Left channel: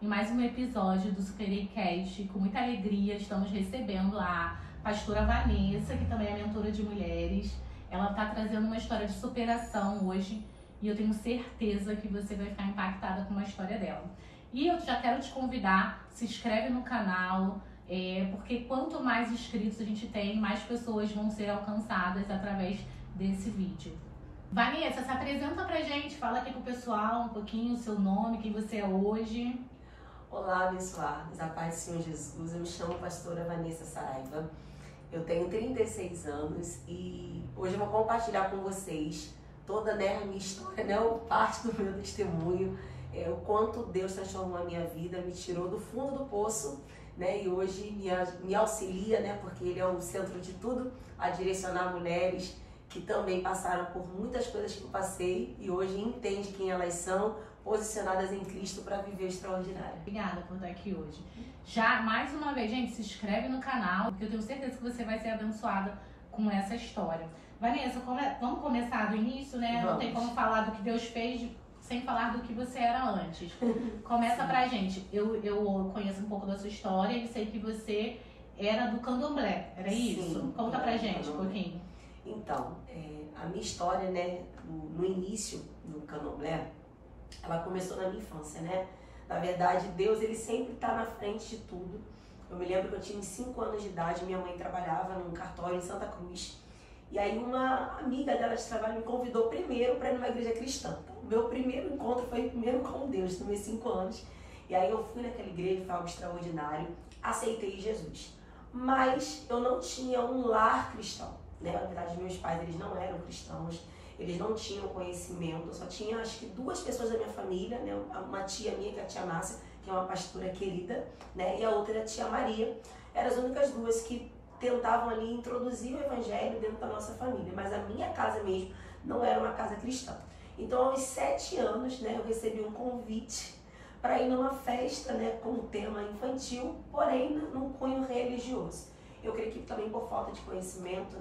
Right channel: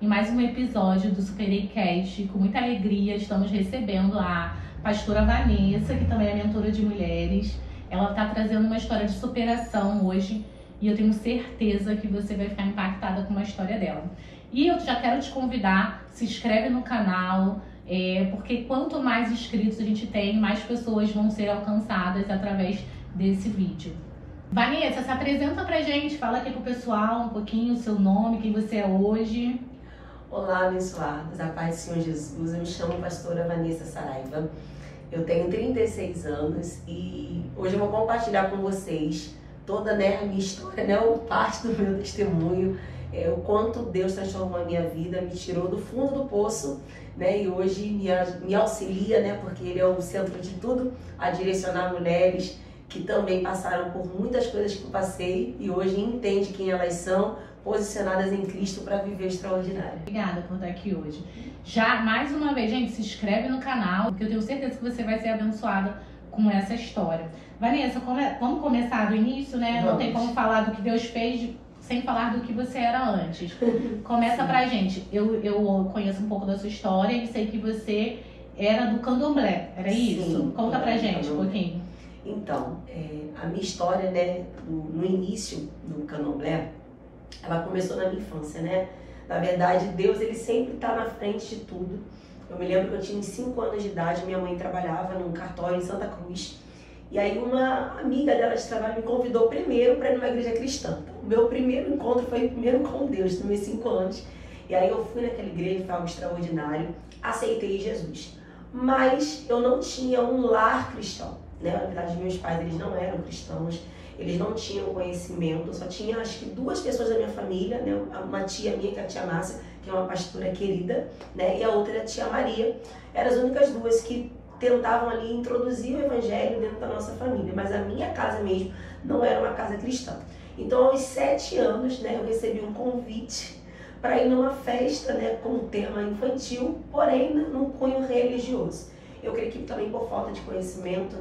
em mais um episódio do SuperEcast. Com muita alegria estamos recebendo a pastora Vanessa, que também é mentora de mulheres. Ela está trazendo uma história de superação hoje e eu tenho certeza que você vai ficar impactada com a história dela. E eu já quero te convidar, se inscreve no canal, porque quanto mais inscritos a gente tem, mais pessoas vão ser alcançadas através desse vídeo. Vanessa, se apresenta pra gente, fala aqui pro pessoal um pouquinho o seu nome, quem você é hoje. Olá, abençoados, a paz do Senhor Jesus. Eu me chamo pastora Vanessa Saraiva, eu tenho 36 anos e hoje eu vou compartilhar com vocês toda a minha história, parte do meu testemunho, o quanto Deus transformou a minha vida, me tirou do fundo do poço, e hoje me auxilia, porque Ele é o centro de tudo, a direcionar mulheres que também passaram por muitas coisas que eu passei e hoje entende quem elas são, posicionadas em Cristo para viver extraordinário. Obrigada por estar aqui hoje. Já, mais uma vez, gente, se inscreve no canal, porque eu tenho certeza que você vai ser abençoada com essa história. Vanessa, vamos começar do início, né? Não tem como falar do que Deus fez sem falar do que você era antes. Começa pra gente. Eu conheço um pouco da sua história e sei que você era do candomblé, era isso? Conta pra gente um pouquinho. Então, a minha história, no início do candomblé, ela começou na minha infância, Na verdade, Deus, ele sempre está na frente de tudo. Eu me lembro que eu tinha 5 anos de idade, minha mãe trabalhava num cartório em Santa Cruz. E aí uma amiga dela de trabalho me convidou primeiro para ir numa igreja cristã. Então, o meu primeiro encontro foi primeiro com Deus, nos meus 5 anos. E aí eu fui naquela igreja, foi algo extraordinário, aceitei Jesus. Mas eu não tinha um lar cristão. Na verdade, meus pais, eles não eram cristãos, eles não tinham conhecimento, eu só tinha acho que 2 pessoas da minha família, uma tia minha, que é a tia Márcia, que é uma pastora querida, e a outra é a tia Maria. Eram as únicas 2 que tentavam ali introduzir o evangelho dentro da nossa família, mas a minha casa mesmo não era uma casa cristã. Então, aos 7 anos, eu recebi um convite para ir numa festa, com um tema infantil, porém num cunho religioso. Eu creio que também por falta de conhecimento,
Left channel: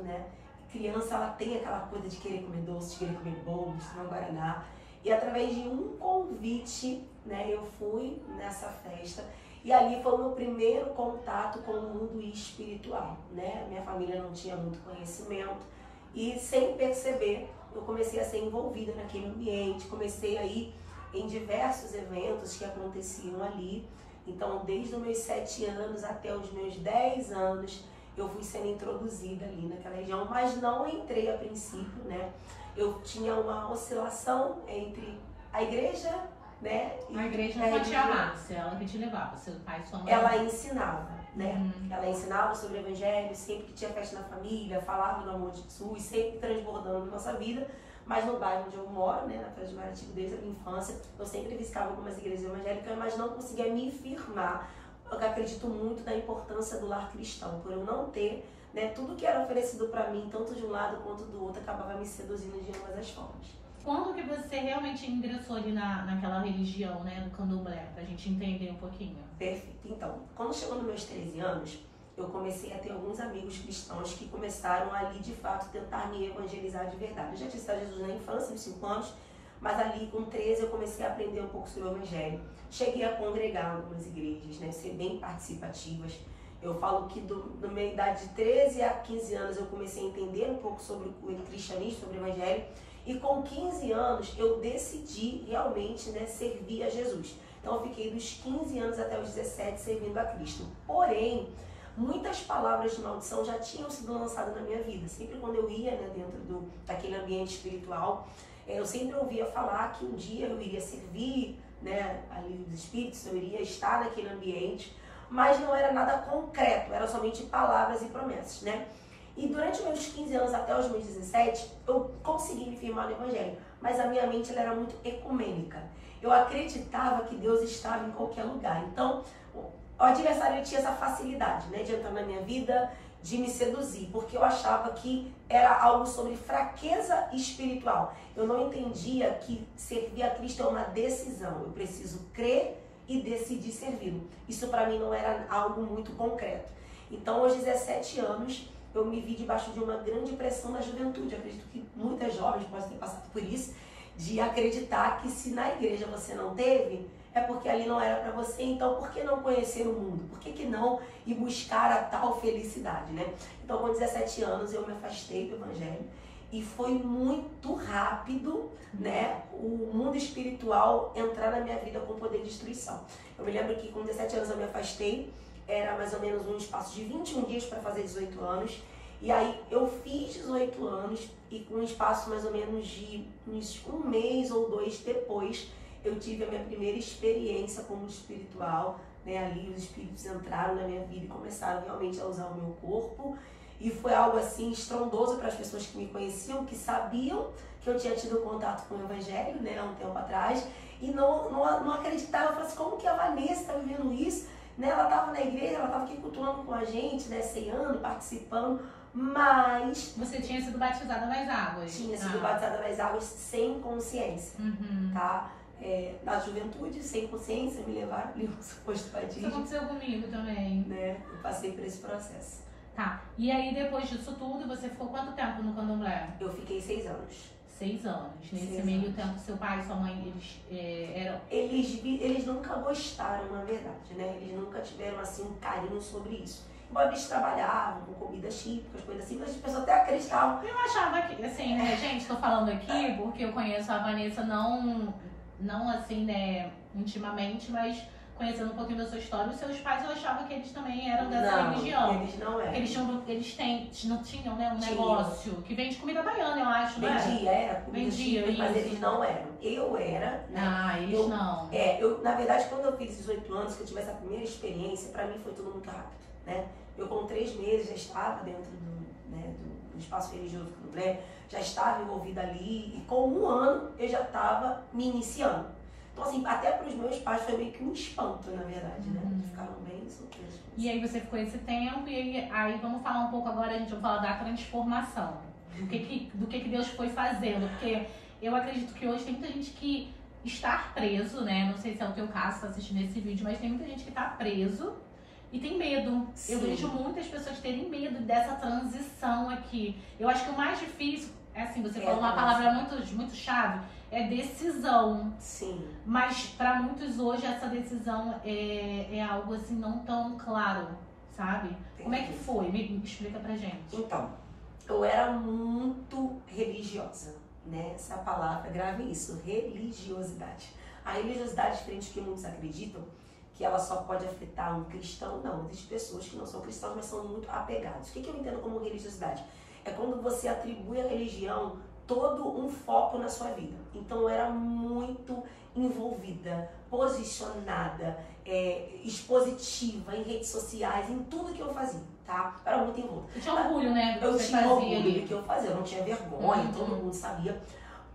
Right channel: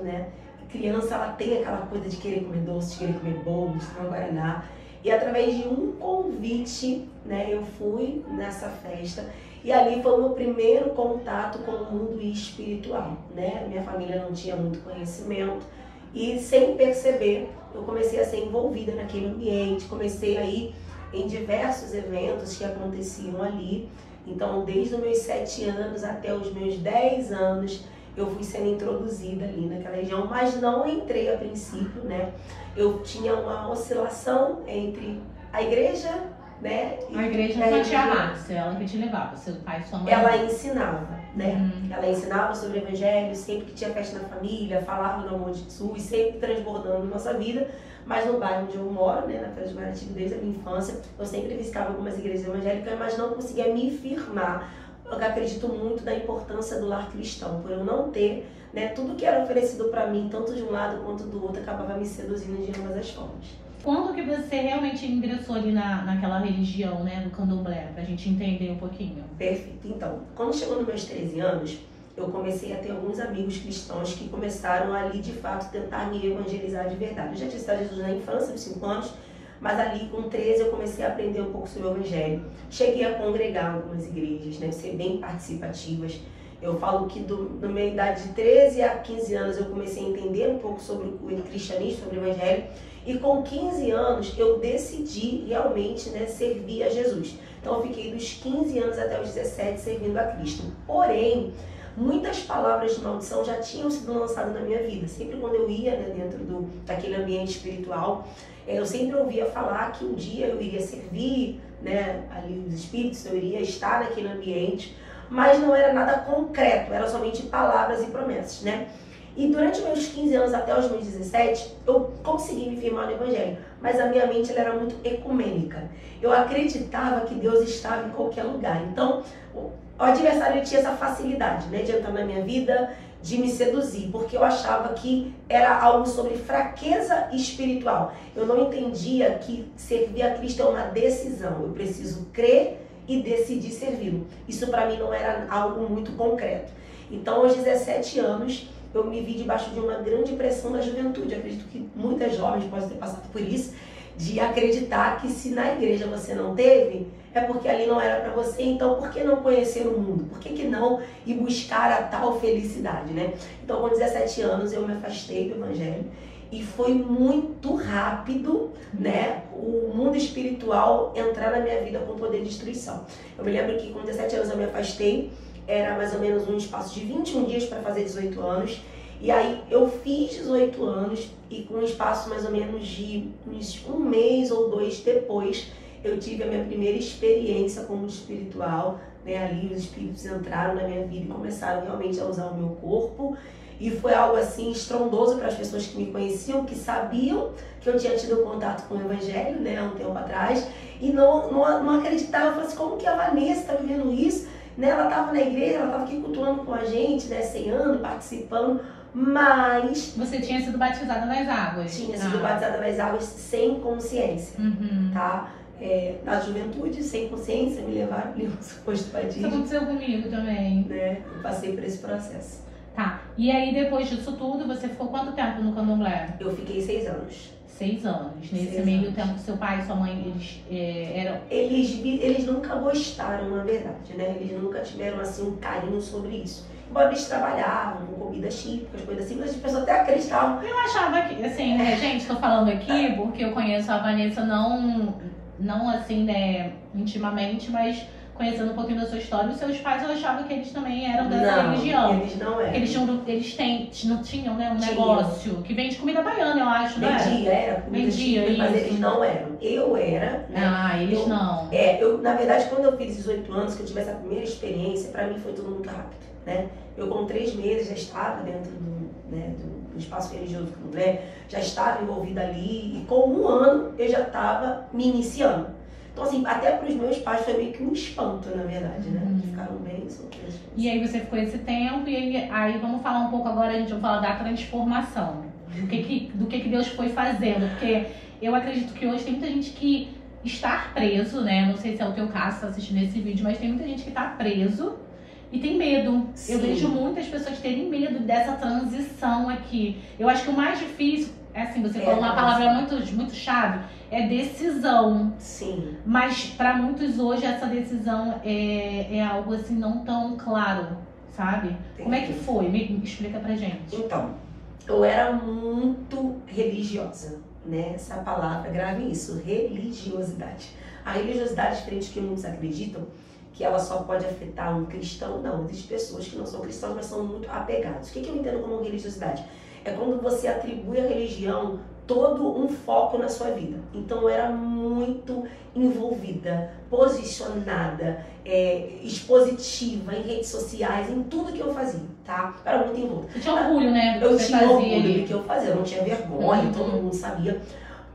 criança, ela tem aquela coisa de querer comer doce, de querer comer bolo, de tomar guaraná. E através de um convite, eu fui nessa festa e ali foi o meu primeiro contato com o mundo espiritual, Minha família não tinha muito conhecimento e sem perceber, eu comecei a ser envolvida naquele ambiente, comecei a ir em diversos eventos que aconteciam ali. Então, desde os meus 7 anos até os meus 10 anos, eu fui sendo introduzida ali naquela região, mas não entrei a princípio, Eu tinha uma oscilação entre a igreja, A igreja foi a tia Márcia, ela que te levava, seu pai e sua mãe? Ela ensinava, Ela ensinava sobre o evangelho, sempre que tinha festa na família, falava do amor de Jesus, sempre transbordando na nossa vida. Mas no bairro onde eu moro, na Feira de Guaratiba, desde a minha infância, eu sempre visitava algumas igrejas evangélicas, mas não conseguia me firmar. Eu acredito muito na importância do lar cristão, por eu não ter, tudo que era oferecido para mim, tanto de um lado quanto do outro, acabava me seduzindo de ambas as formas. Quando que você realmente ingressou ali naquela religião, do candomblé, pra gente entender um pouquinho? Perfeito. Então, quando chegou nos meus 13 anos, eu comecei a ter alguns amigos cristãos que começaram ali, de fato, tentar me evangelizar de verdade. Eu já tinha estado Jesus na infância, aos 5 anos, mas ali com 13 eu comecei a aprender um pouco sobre o evangelho. Cheguei a congregar em algumas igrejas, ser bem participativas. Eu falo que na minha idade de 13 a 15 anos eu comecei a entender um pouco sobre o cristianismo, sobre o evangelho. E com 15 anos eu decidi realmente servir a Jesus. Então eu fiquei dos 15 anos até os 17 servindo a Cristo. Porém, muitas palavras de maldição já tinham sido lançadas na minha vida. Sempre quando eu ia dentro daquele ambiente espiritual, eu sempre ouvia falar que um dia eu iria servir ali os espíritos, eu iria estar naquele ambiente, mas não era nada concreto, eram somente palavras e promessas, E durante meus 15 anos até os meus 17, eu consegui me firmar no evangelho, mas a minha mente ela era muito ecumênica. Eu acreditava que Deus estava em qualquer lugar. Então, o adversário tinha essa facilidade, de entrar na minha vida, de me seduzir, porque eu achava que era algo sobre fraqueza espiritual. Eu não entendia que servir a Cristo é uma decisão. Eu preciso crer e decidir servi-lo. Isso para mim não era algo muito concreto. Então, aos 17 anos, eu me vi debaixo de uma grande pressão da juventude. Eu acredito que muitas jovens podem ter passado por isso. De acreditar que se na igreja você não teve, é porque ali não era para você, então por que não conhecer o mundo? Por que não ir buscar a tal felicidade, né? Então com 17 anos eu me afastei do evangelho e foi muito rápido, né, o mundo espiritual entrar na minha vida com poder de destruição. Eu me lembro que com 17 anos eu me afastei, era mais ou menos um espaço de 21 dias para fazer 18 anos. E aí eu fiz 18 anos e com um espaço mais ou menos de um mês ou 2 depois, eu tive a minha primeira experiência como espiritual, né? Ali os espíritos entraram na minha vida e começaram realmente a usar o meu corpo. E foi algo assim estrondoso para as pessoas que me conheciam, que sabiam que eu tinha tido contato com o evangelho, né, há um tempo atrás, e não acreditavam. Eu falei assim, como que a Vanessa está vivendo isso? Né, ela estava na igreja, ela estava aqui cultuando com a gente, né, ceando, participando, mas... Você tinha sido batizada nas águas? Tinha sido batizada nas águas sem consciência, tá? Na juventude, sem consciência, me levaram ali um suposto batismo. Isso aconteceu comigo também. Né? Eu passei por esse processo. Tá, e aí depois disso tudo, você ficou quanto tempo no candomblé? Eu fiquei 6 anos. 6 anos. Nesse meio tempo, seu pai e sua mãe, eles eram... Eles nunca gostaram, na verdade, né? Eles nunca tiveram, assim, um carinho sobre isso. Embora eles trabalhavam com comidas típicas, coisas assim, mas as pessoas até acreditavam. Eu achava que, assim, né, gente, tô falando aqui porque eu conheço a Vanessa não assim, né, intimamente, mas conhecendo um pouquinho da sua história, os seus pais, eu achava que eles também eram dessa religião. Eles não eram. Eles não tinham, né, um negócio que vende comida baiana, eu acho, né? Era comida típica, mas eles não eram. Eu era, né? Ah, eles não. Na verdade, quando eu fiz 18 anos, que eu tive essa primeira experiência, pra mim foi tudo muito rápido, né? Eu com 3 meses já estava dentro do espaço religioso do candomblé, já estava envolvida ali, e com 1 ano eu já estava me iniciando. Então, assim, até para os meus pais foi meio que um espanto, na verdade, né? Ficaram bem surpresos. E aí você ficou esse tempo, e aí vamos falar um pouco agora, a gente vai falar da transformação. Do que Deus foi fazendo. Porque eu acredito que hoje tem muita gente que está preso, né? Não sei se é o teu caso, você tá assistindo esse vídeo, mas tem muita gente que está preso e tem medo. Sim. Eu vejo muitas pessoas terem medo dessa transição aqui. Eu acho que o mais difícil, assim, você falou uma palavra muito chave, é decisão. Sim. Mas para muitos hoje essa decisão é algo assim não tão claro, sabe? Entendi. Como é que foi? Me explica pra gente. Então, eu era muito religiosa, né? Essa palavra, grave isso, religiosidade. A religiosidade, diferente do que muitos acreditam, que ela só pode afetar um cristão, não. Existem pessoas que não são cristãos, mas são muito apegados. O que eu entendo como religiosidade? É quando você atribui à religião todo um foco na sua vida. Então eu era muito envolvida, posicionada, expositiva em redes sociais, em tudo que eu fazia, tá? Eu era muito envolvida. Você tinha orgulho, né? Eu tinha orgulho do que eu fazia, eu não tinha vergonha, todo mundo sabia.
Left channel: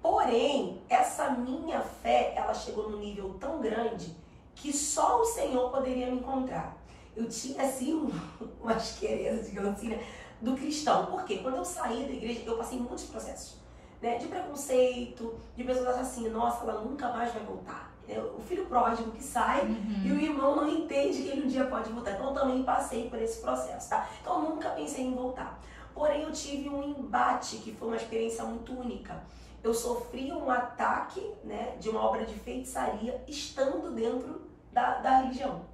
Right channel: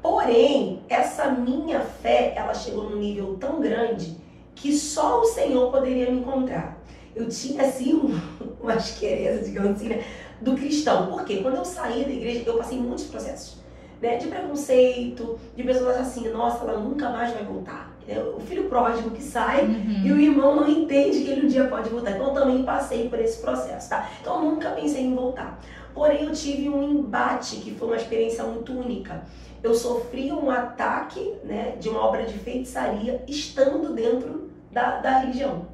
Porém, essa minha fé, ela chegou num nível tão grande que só o Senhor poderia me encontrar. Eu tinha, assim, uma asquereza, digamos assim, né, do cristão. Por quê? Quando eu saí da igreja, eu passei muitos processos, né, de preconceito, de pessoas achando assim, nossa, ela nunca mais vai voltar. O filho pródigo que sai e o irmão não entende que ele um dia pode voltar. Então eu também passei por esse processo, tá? Então eu nunca pensei em voltar. Porém eu tive um embate que foi uma experiência muito única. Eu sofri um ataque, né, de uma obra de feitiçaria estando dentro da religião.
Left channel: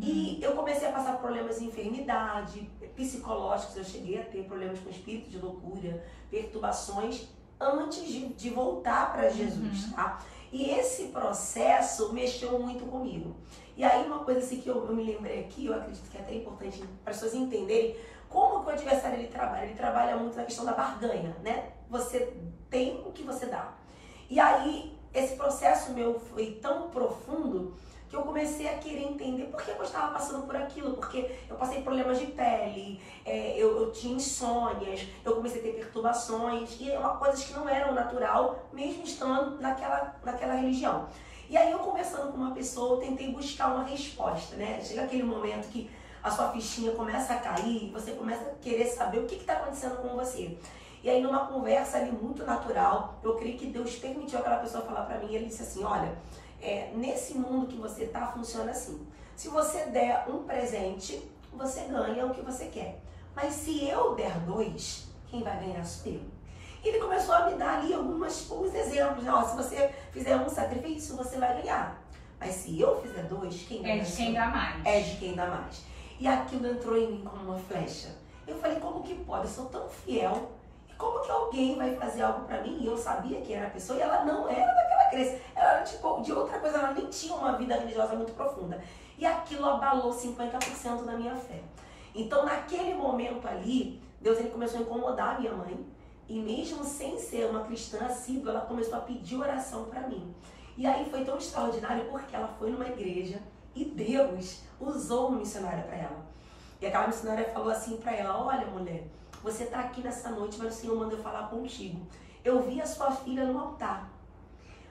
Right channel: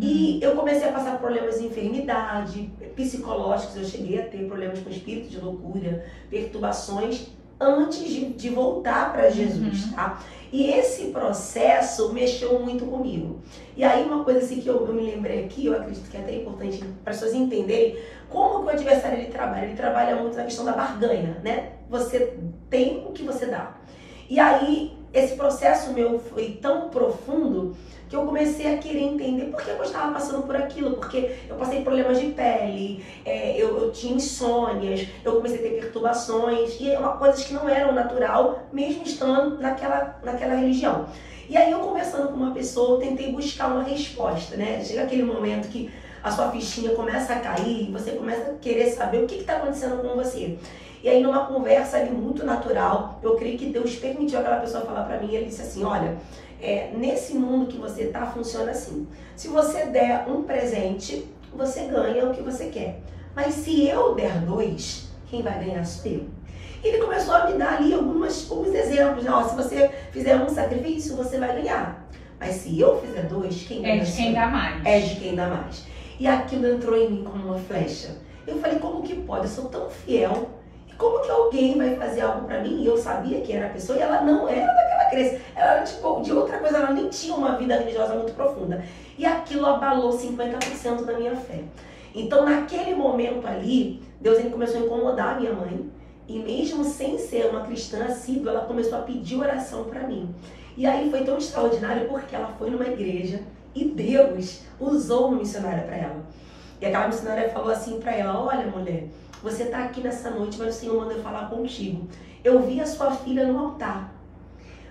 E eu comecei a passar por problemas de enfermidade, psicológicos, eu cheguei a ter problemas com espírito de loucura, perturbações, antes de voltar para Jesus, tá? E esse processo mexeu muito comigo. E aí uma coisa assim que eu me lembrei aqui, eu acredito que é até importante para as pessoas entenderem como que o adversário ele trabalha muito na questão da barganha, né? Você tem o que você dá. E aí esse processo meu foi tão profundo que eu comecei a querer entender por que eu estava passando por aquilo, porque eu passei problemas de pele, eu tinha insônias, eu comecei a ter perturbações, e coisas que não eram natural, mesmo estando naquela religião. E aí eu conversando com uma pessoa, eu tentei buscar uma resposta, né? Chega aquele momento que a sua fichinha começa a cair, você começa a querer saber o que está acontecendo com você. E aí numa conversa ali muito natural, eu creio que Deus permitiu aquela pessoa falar para mim, ele disse assim, olha, nesse mundo que você tá, funciona assim. Se você der um presente, você ganha o que você quer. Mas se eu der 2, quem vai ganhar sou eu. E ele começou a me dar ali alguns exemplos, né? Ó, se você fizer um sacrifício, você vai ganhar. Mas se eu fizer 2, quem ganha? É de quem dá mais. É de quem dá mais. E aquilo entrou em mim como uma flecha. Eu falei, como que pode? Eu sou tão fiel. E como que alguém vai fazer algo pra mim? E eu sabia que era a pessoa e ela não era daquela crença. Ela era de outra coisa, ela nem tinha uma vida religiosa muito profunda. E aquilo abalou 50% da minha fé. Então, naquele momento ali, Deus ele começou a incomodar a minha mãe. E mesmo sem ser uma cristã assídua, ela começou a pedir oração pra mim. E aí foi tão extraordinário porque ela foi numa igreja e Deus usou uma missionária para ela. E aquela missionária falou assim para ela, olha mulher, você tá aqui nessa noite, mas o Senhor manda eu falar contigo. Eu vi a sua filha no altar,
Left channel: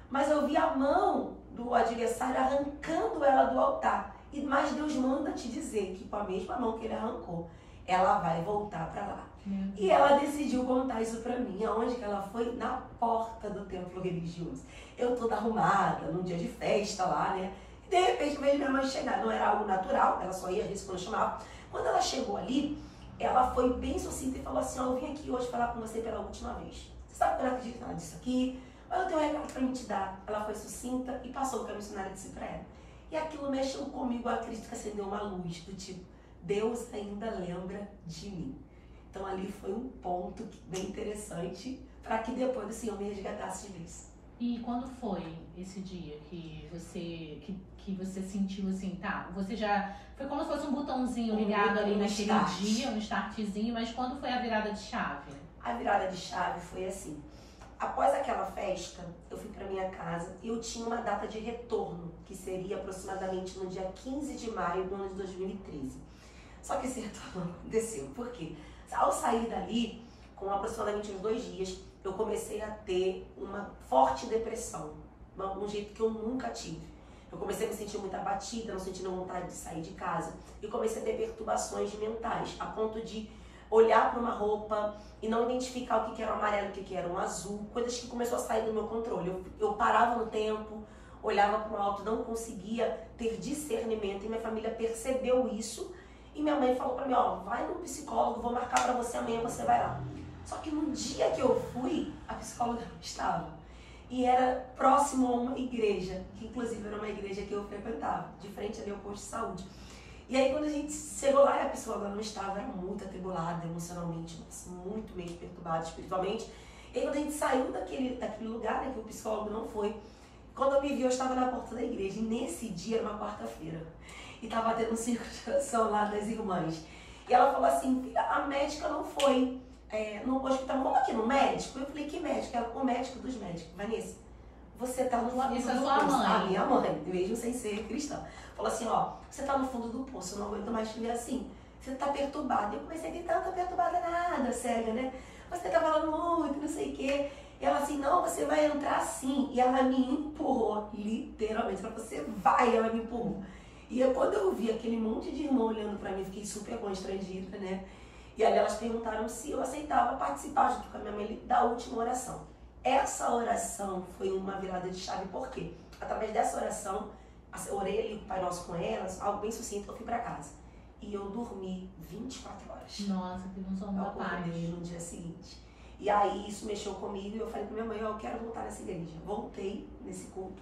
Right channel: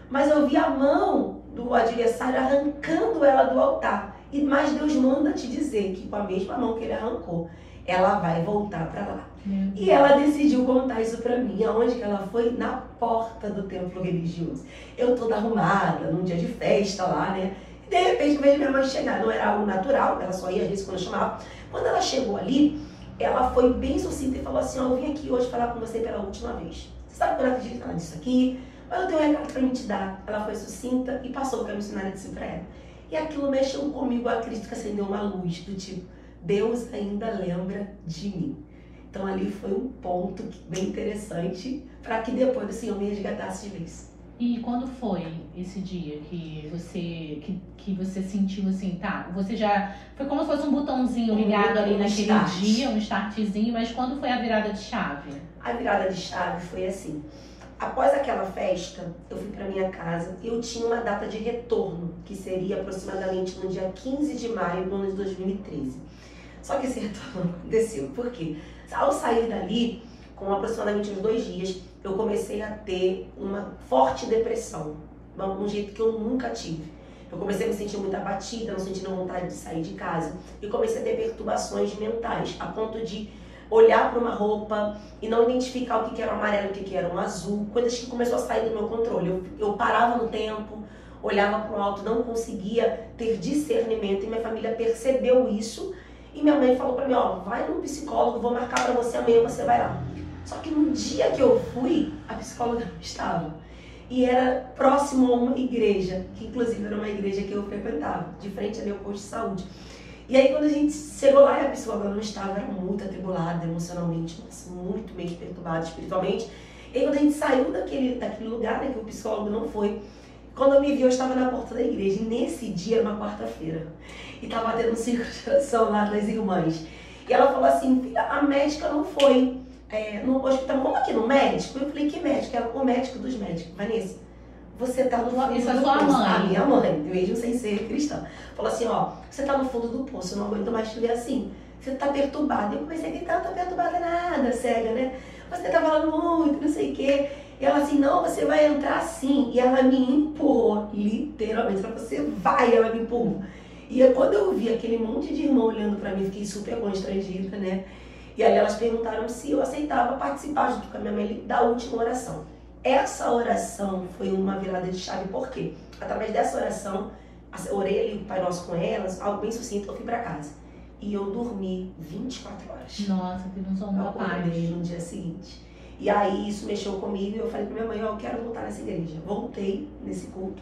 mas eu vi a mão do adversário arrancando ela do altar. Mas Deus manda te dizer que com a mesma mão que ele arrancou, ela vai voltar para lá. E ela decidiu contar isso pra mim. Aonde que ela foi? Na porta do templo religioso. Eu toda arrumada, num dia de festa lá, né? E de repente veio minha mãe chegar. Não era algo natural, ela só ia às vezes quando eu chamava. Quando ela chegou ali, ela foi bem sucinta e falou assim, ó, eu vim aqui hoje falar com você pela última vez. Você sabe que eu não acredito nada disso aqui, mas eu tenho um recado pra me te dar. Ela foi sucinta e passou o que a missionária disse pra ela. E aquilo mexeu comigo, eu acredito que acendeu uma luz do tipo, Deus ainda lembra de mim. Então ali foi um ponto bem interessante para que depois o Senhor me resgatasse de vez. E quando foi esse dia que você sentiu assim, tá? Você já foi como se fosse um botãozinho ligado ali naquele dia, um startzinho, mas quando foi a virada de chave? A virada de chave foi assim. Após aquela festa, eu fui para minha casa e eu tinha uma data de retorno, que seria aproximadamente no dia 15 de maio do ano de 2013. Só que esse retorno não aconteceu. Por quê? Ao sair dali, com aproximadamente uns 2 dias, eu comecei a ter uma forte depressão, um jeito que eu nunca tive. Eu comecei a me sentir muito abatida, não sentindo vontade de sair de casa. E comecei a ter perturbações mentais, a ponto de olhar para uma roupa e não identificar o que era o amarelo, o que era um azul, coisas que começou a sair do meu controle. Eu parava no tempo, olhava para o alto, não conseguia ter discernimento e minha família percebeu isso. E minha mãe falou pra mim, ó, vai no psicólogo, vou marcar pra você amanhã, você vai lá. Só que no dia que eu fui, a psicóloga não estava. E era próximo a uma igreja, que inclusive era uma igreja que eu frequentava, de frente ali ao posto de saúde. E aí quando a gente chegou lá e a psicóloga não estava, era muito atribulada emocionalmente, muito mesmo perturbada espiritualmente. E aí quando a gente saiu daquele lugar, né, que o psicólogo não foi, quando eu me vi, eu estava na porta da igreja. E nesse dia, era uma quarta-feira. E estava tendo um círculo de oração lá das irmãs. E ela falou assim, filha, a médica não foi no hospital. Vamos aqui no médico? Eu falei, que médico? Ela, o médico dos médicos. Vanessa, você tá no fundo Isso é do sua poço. mãe. A minha mãe, mesmo sem ser cristã. Falou assim, ó, você tá no fundo do poço, eu não aguento mais te ver assim. Você tá perturbada. Eu comecei a gritar, não tô perturbada nada, cega, né? Você tá falando muito, não sei o quê. E ela assim, não, você vai entrar sim. E ela me empurrou, literalmente. Ela falou, você vai, ela me empurrou. E quando eu vi aquele monte de irmão olhando pra mim, fiquei super constrangida, né? E aí elas perguntaram se eu aceitava participar junto com a minha mãe da última oração. Essa oração foi uma virada de chave, por quê? Através dessa oração, eu orei ali o Pai Nosso com elas, algo bem sucinto, eu fui pra casa. E eu dormi 24 horas. Nossa, teve um sono da paz. Eu acordei no dia seguinte. E aí isso mexeu comigo e eu falei pra minha mãe, ó, eu quero voltar nessa igreja. Voltei nesse culto.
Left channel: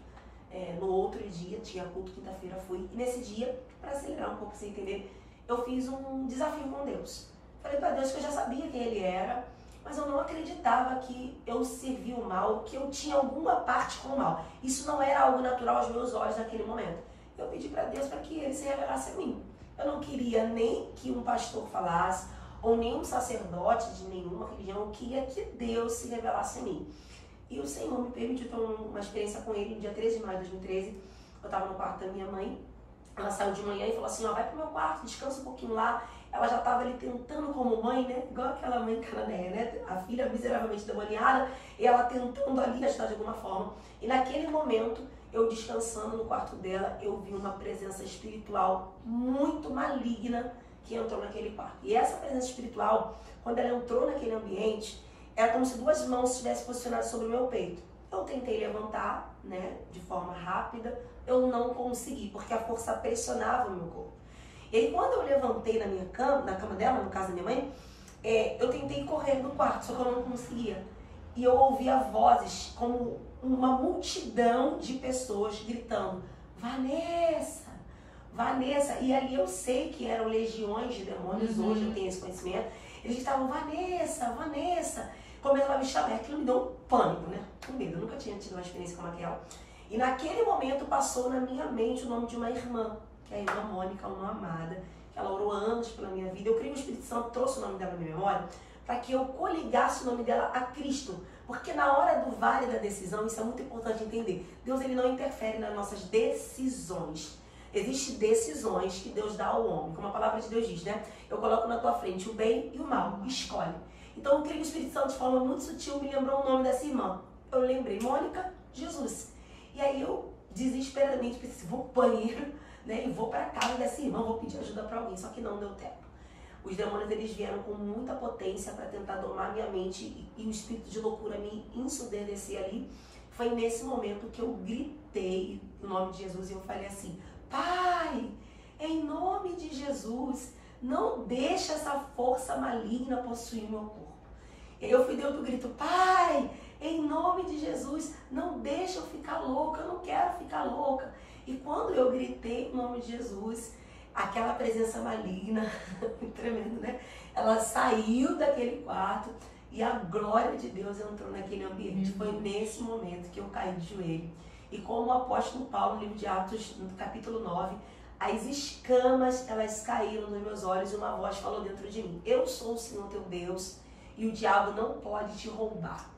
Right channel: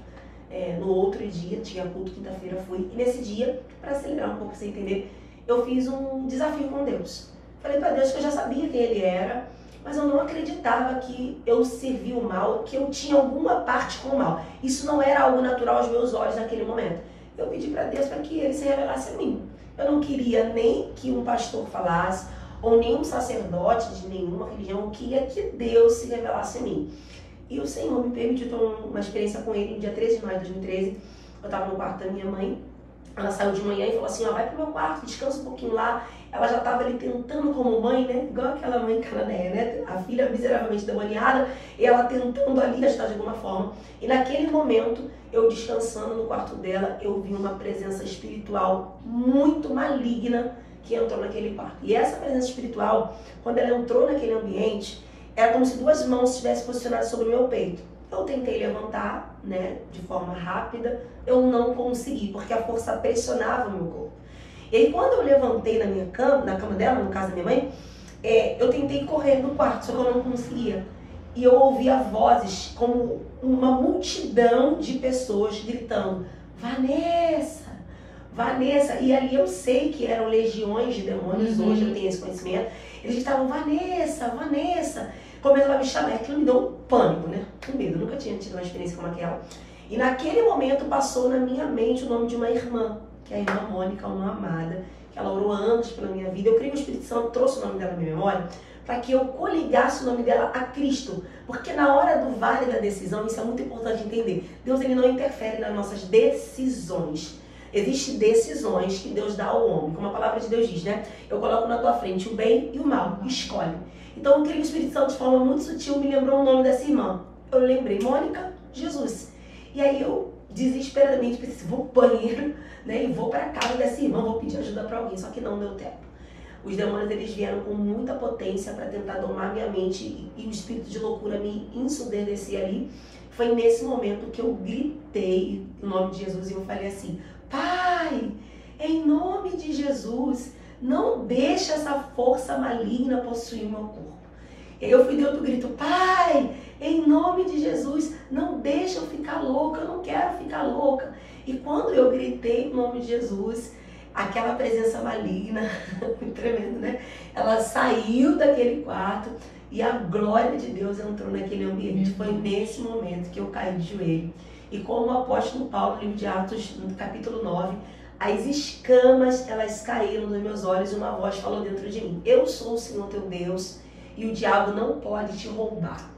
No outro dia, tinha culto, quinta-feira fui. E nesse dia, para acelerar um pouco, pra você entender, eu fiz um desafio com Deus. Falei pra Deus que eu já sabia quem Ele era, mas eu não acreditava que eu servia o mal, que eu tinha alguma parte com o mal. Isso não era algo natural aos meus olhos naquele momento. Eu pedi pra Deus para que Ele se revelasse a mim. Eu não queria nem que um pastor falasse, ou nem um sacerdote de nenhuma religião, eu queria que Deus se revelasse a mim. E o Senhor me permitiu ter uma experiência com Ele no dia 13 de maio de 2013. Eu estava no quarto da minha mãe, ela saiu de manhã e falou assim, ó, vai pro meu quarto, descansa um pouquinho lá. Ela já estava ali tentando como mãe, né, igual aquela mãe cananeia, né, a filha miseravelmente demoniada, e ela tentando ali ajudar de alguma forma. E naquele momento, eu descansando no quarto dela, eu vi uma presença espiritual muito maligna que entrou naquele quarto. E essa presença espiritual, quando ela entrou naquele ambiente, era como se 2 mãos estivessem posicionadas sobre o meu peito. Eu tentei levantar, né, de forma rápida, eu não consegui, porque a força pressionava o meu corpo. E aí quando eu levantei na minha cama, na cama dela, no caso da minha mãe, eu tentei correr do quarto, só que eu não conseguia. e eu ouvia vozes como uma multidão de pessoas gritando: Vanessa, Vanessa. E ali eu sei que eram legiões de demônios, hoje eu tenho esse conhecimento. Eles estavam: Vanessa, Vanessa. Começaram a me chamar, aquilo me deu um pânico, né? Um medo, eu nunca tinha tido uma experiência como aquela. E naquele momento passou na minha mente o nome de uma irmã, que é a irmã Mônica, uma amada, que ela orou anos pela minha vida. Eu creio que o Espírito Santo trouxe o nome dela na minha memória, para que eu coligasse o nome dela a Cristo. Porque na hora do vale da decisão, isso é muito importante entender, Deus ele não interfere nas nossas decisões. Existem decisões que Deus dá ao homem, como a palavra de Deus diz, né? Eu coloco na tua frente o bem e o mal, escolhe. Então eu creio que o Espírito Santo, de forma muito sutil, me lembrou o nome dessa irmã. Eu lembrei: Mônica, Jesus. E aí eu, desesperadamente, pensei: vou pro banheiro, né? E vou para casa dessa irmã, vou pedir ajuda para alguém. Só que não deu tempo. Os demônios, eles vieram com muita potência para tentar domar minha mente e o espírito de loucura me ensurdecer ali. Foi nesse momento que eu gritei o nome de Jesus e eu falei assim: Pai, em nome de Jesus, não deixa essa força maligna possuir o meu corpo. E aí eu fui de outro grito: Pai, em nome de Jesus, não deixa eu ficar louca, eu não quero ficar louca. E quando eu gritei o nome de Jesus, aquela presença maligna, muito tremendo, né? Ela saiu daquele quarto e a glória de Deus entrou naquele ambiente. Foi nesse momento que eu caí de joelho. E como o apóstolo Paulo, no livro de Atos, no capítulo 9, as escamas, elas caíram nos meus olhos e uma voz falou dentro de mim: Eu sou o Senhor teu Deus e o diabo não pode te roubar.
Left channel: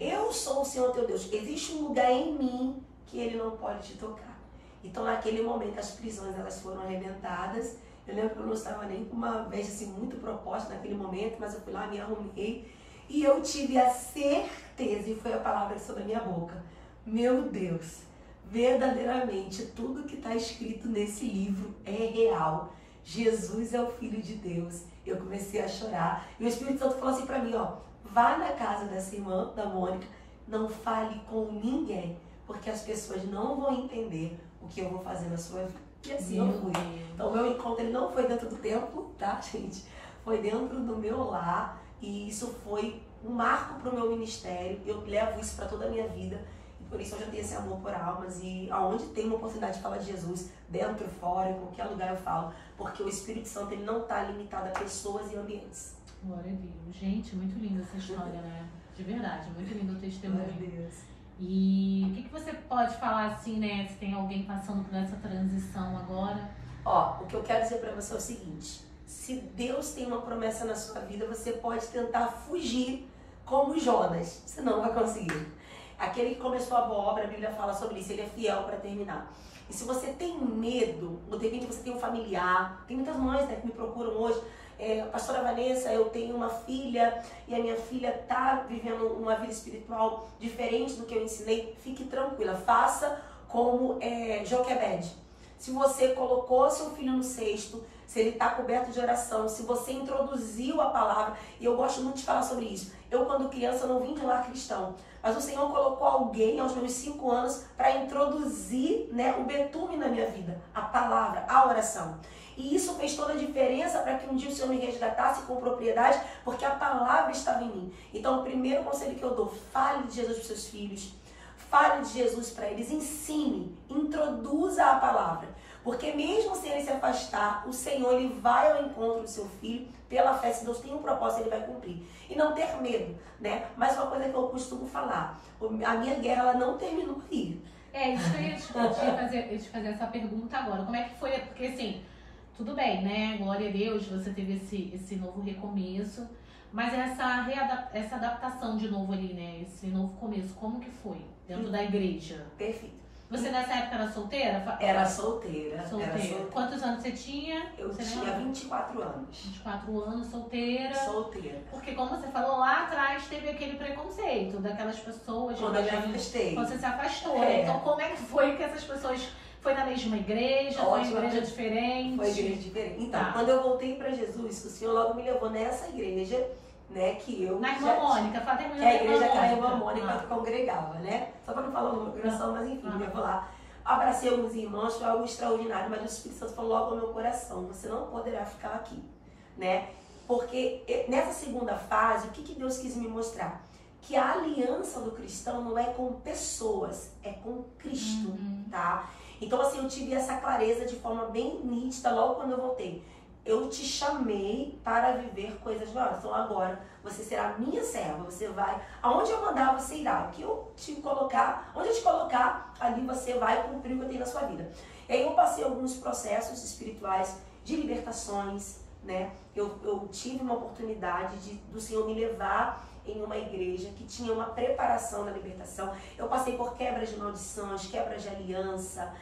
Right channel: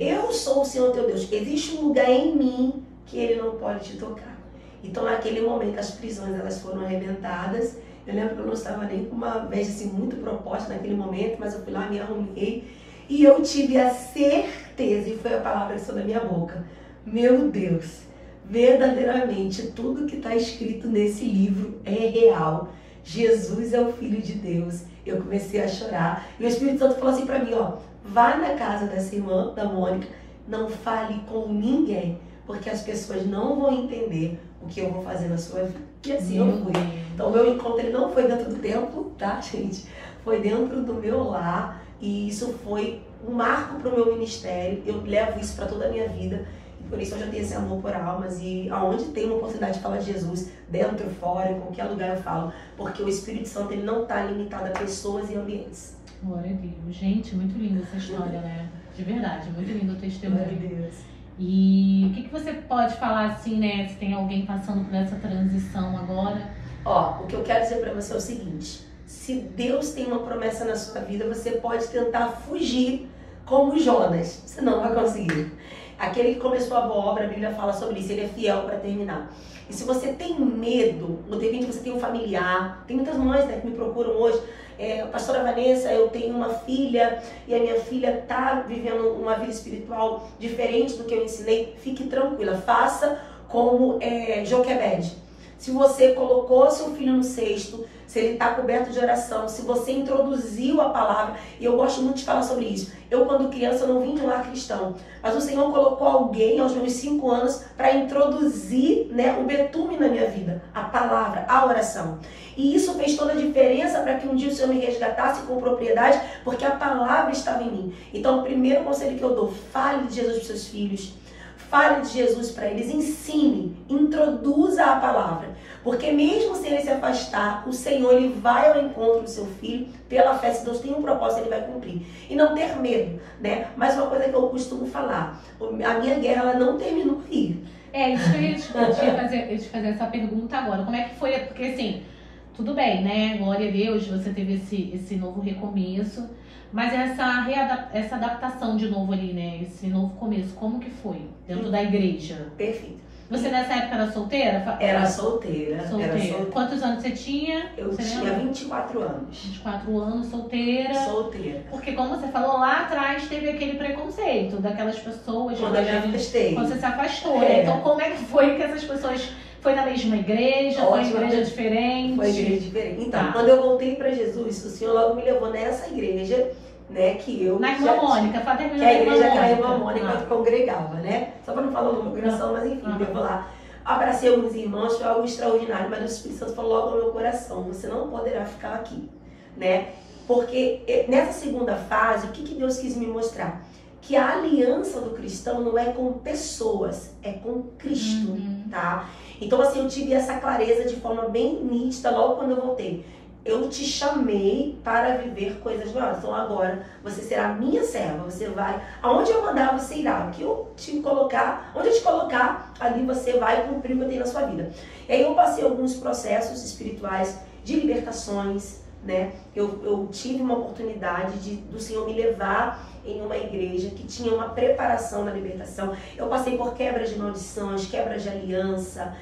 Eu sou o Senhor teu Deus. Existe um lugar em mim que ele não pode te tocar. Então, naquele momento, as prisões elas foram arrebentadas. Eu lembro que eu não estava nem com uma veste assim, muito proposta naquele momento, mas eu fui lá, me arrumei e eu tive a certeza, e foi a palavra que saiu da minha boca: meu Deus, verdadeiramente tudo que está escrito nesse livro é real. Jesus é o Filho de Deus. Eu comecei a chorar e o Espírito Santo falou assim para mim: ó, vá na casa dessa irmã, da Mônica, não fale com ninguém, porque as pessoas não vão entender o que eu vou fazer na sua vida. E assim eu fui. Então o meu encontro ele não foi dentro do templo, tá, gente? Foi dentro do meu lar e isso foi um marco para o meu ministério. Eu levo isso para toda a minha vida. Por isso eu já tenho esse amor por almas e aonde tem uma oportunidade de falar de Jesus, dentro, fora, em qualquer lugar eu falo, porque o Espírito Santo ele não está limitado a pessoas e ambientes. Glória a Deus. Gente, muito linda essa história, né? De verdade, muito lindo o testemunho. Glória a Deus. E o que você pode falar assim, né? Se tem alguém passando por essa transição agora? Ó, o que eu quero dizer para você é o seguinte: se Deus tem uma promessa na sua vida, você pode tentar fugir como Jonas, você não vai conseguir. Aquele que começou a boa obra, a Bíblia fala sobre isso, ele é fiel para terminar. E se você tem medo, ou de repente você tem um familiar, tem muitas mães, né, que me procuram hoje: pastora Vanessa, eu tenho uma filha e a minha filha está vivendo uma vida espiritual diferente do que eu ensinei. Fique tranquila, faça como Joquebede. Se você colocou seu filho no cesto, se ele está coberto de oração, se você introduziu a palavra, e eu gosto muito de falar sobre isso. Eu, quando criança, não vim de um lar cristão, mas o Senhor colocou alguém aos meus 5 anos para introduzir, né, o betume na minha vida, a palavra, a oração. E isso fez toda a diferença para que um dia o Senhor me resgatasse com propriedade, porque a palavra estava em mim. Então, o primeiro conselho que eu dou: fale de Jesus para os seus filhos. Fale de Jesus para eles, ensine, introduza a palavra. Porque mesmo sem ele se afastar, o Senhor ele vai ao encontro do seu filho pela fé. Se Deus tem um propósito, ele vai cumprir. E não ter medo, né? Mas uma coisa que eu costumo falar: a minha guerra ela não terminou aí. Isso que eu ia te fazer essa pergunta agora. Como é que foi? Porque assim, tudo bem, né? Glória a Deus, você teve esse novo recomeço. Mas essa adaptação de novo ali, né? Esse novo começo, como que foi dentro da igreja? Perfeito. Você nessa época era solteira? Era solteira. Quantos anos você tinha? Eu tinha 24 anos. 24 anos, solteira. Solteira. Porque como você falou, lá atrás teve aquele preconceito daquelas pessoas. Quando eu me afastei. Quando você se afastou, né? Então como é que foi que essas pessoas... Foi na mesma igreja? Foi em igreja diferente? Foi igreja diferente. Então, quando eu voltei para Jesus, o Senhor logo me levou nessa igreja, né, que eu... Na Irmã Mônica, que a igreja que a Irmã Mônica congregava, né? Só para não falar o meu coração, mas enfim, eu vou lá. Abracei alguns irmãos, foi algo extraordinário, mas o Espírito Santo falou logo ao meu coração: você não poderá ficar aqui, né? Porque nessa segunda fase, o que Deus quis me mostrar? que a aliança do cristão não é com pessoas, é com Cristo, tá? Então, assim, eu tive essa clareza de forma bem nítida logo quando eu voltei. Eu te chamei para viver coisas novas. Então agora você será minha serva. Você vai, aonde eu mandar você irá. O que eu te colocar, onde eu te colocar, ali você vai cumprir o que eu tenho na sua vida. E aí eu passei alguns processos espirituais de libertações, né? Eu tive uma oportunidade do Senhor me levar em uma igreja que tinha uma preparação na libertação. Eu passei por quebras de maldições, quebras de aliança.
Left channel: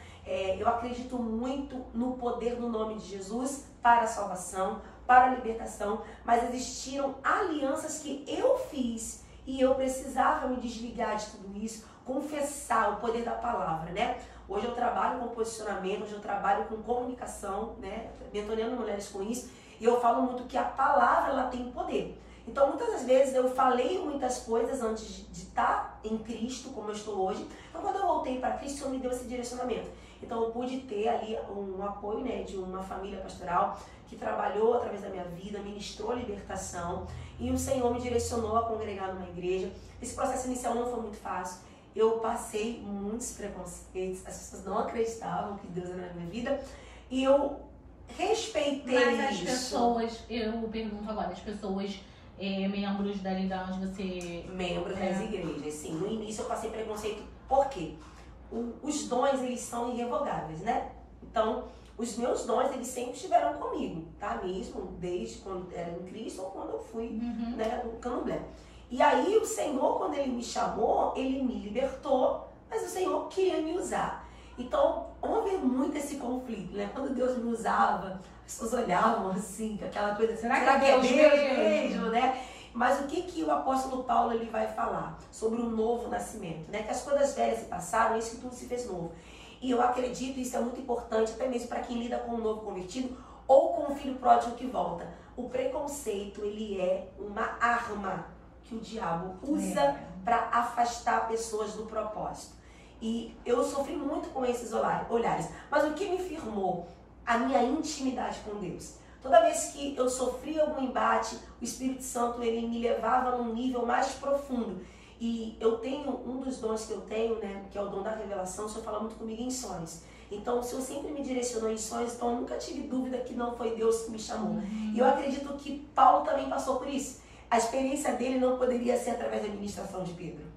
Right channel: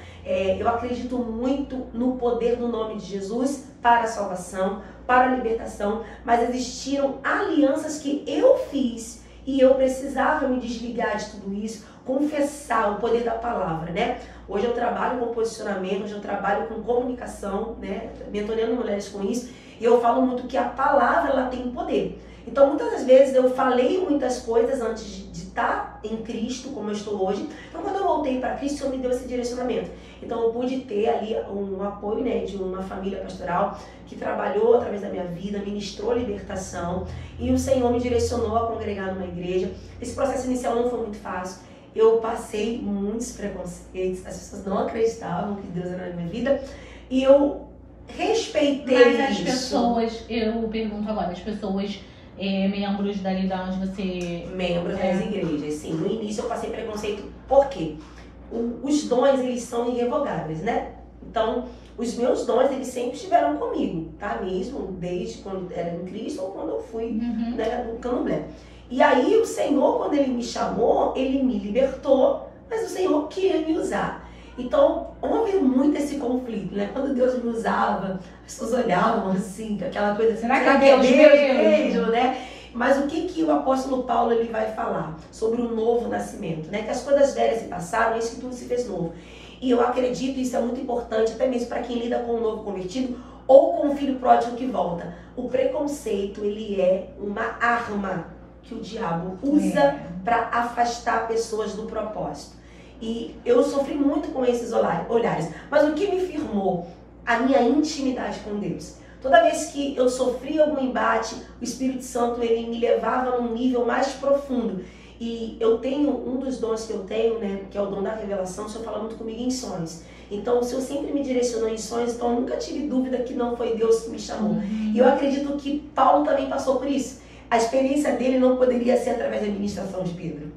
Eu acredito muito no poder do nome de Jesus para a salvação, para a libertação, mas existiram alianças que eu fiz e eu precisava me desligar de tudo isso, confessar o poder da palavra, né? Hoje eu trabalho com posicionamento, hoje eu trabalho com comunicação, né? Mentorando mulheres com isso, e eu falo muito que a palavra, ela tem poder. Então, muitas das vezes eu falei muitas coisas antes de estar em Cristo, como eu estou hoje. Então, quando eu voltei para Cristo, o Senhor me deu esse direcionamento. Então, eu pude ter ali um apoio, né, de uma família pastoral que trabalhou através da minha vida, ministrou libertação. E o Senhor me direcionou a congregar numa igreja. Esse processo inicial não foi muito fácil. Eu passei muitos preconceitos. As pessoas não acreditavam que Deus era na minha vida. E eu respeitei isso. Mas as pessoas, eu pergunto agora, as pessoas... membros dali da onde você... Membros das igrejas, sim. No início eu passei preconceito, por quê? Os dons, eles são irrevogáveis, né? Então, os meus dons, eles sempre estiveram comigo, tá? Mesmo desde quando era em Cristo ou quando eu fui, né, no Candomblé. E aí o Senhor, quando Ele me chamou, Ele me libertou, mas o Senhor queria me usar. Então, houve muito esse conflito, né? Quando Deus me usava, as pessoas olhavam assim, com aquela coisa assim, será que é Deus mesmo, né? Mas o que o apóstolo Paulo ele vai falar sobre o novo nascimento, né? Que as coisas velhas se passaram, e isso que tudo se fez novo. E eu acredito, isso é muito importante, até mesmo para quem lida com o novo convertido ou com o filho pródigo que volta. O preconceito, ele é uma arma que o diabo usa para afastar pessoas do propósito. E eu sofri muito com esses olhares. Mas o que me firmou? A minha intimidade com Deus. Toda vez que eu sofria algum embate, o Espírito Santo ele me levava num nível mais profundo. E eu tenho, um dos dons que eu tenho, né, que é o dom da revelação, o Senhor fala muito comigo em sonhos. Então, o Senhor sempre me direcionou em sonhos, então eu nunca tive dúvida que não foi Deus que me chamou. E eu acredito que Paulo também passou por isso. A experiência dele não poderia ser através da ministração de Pedro,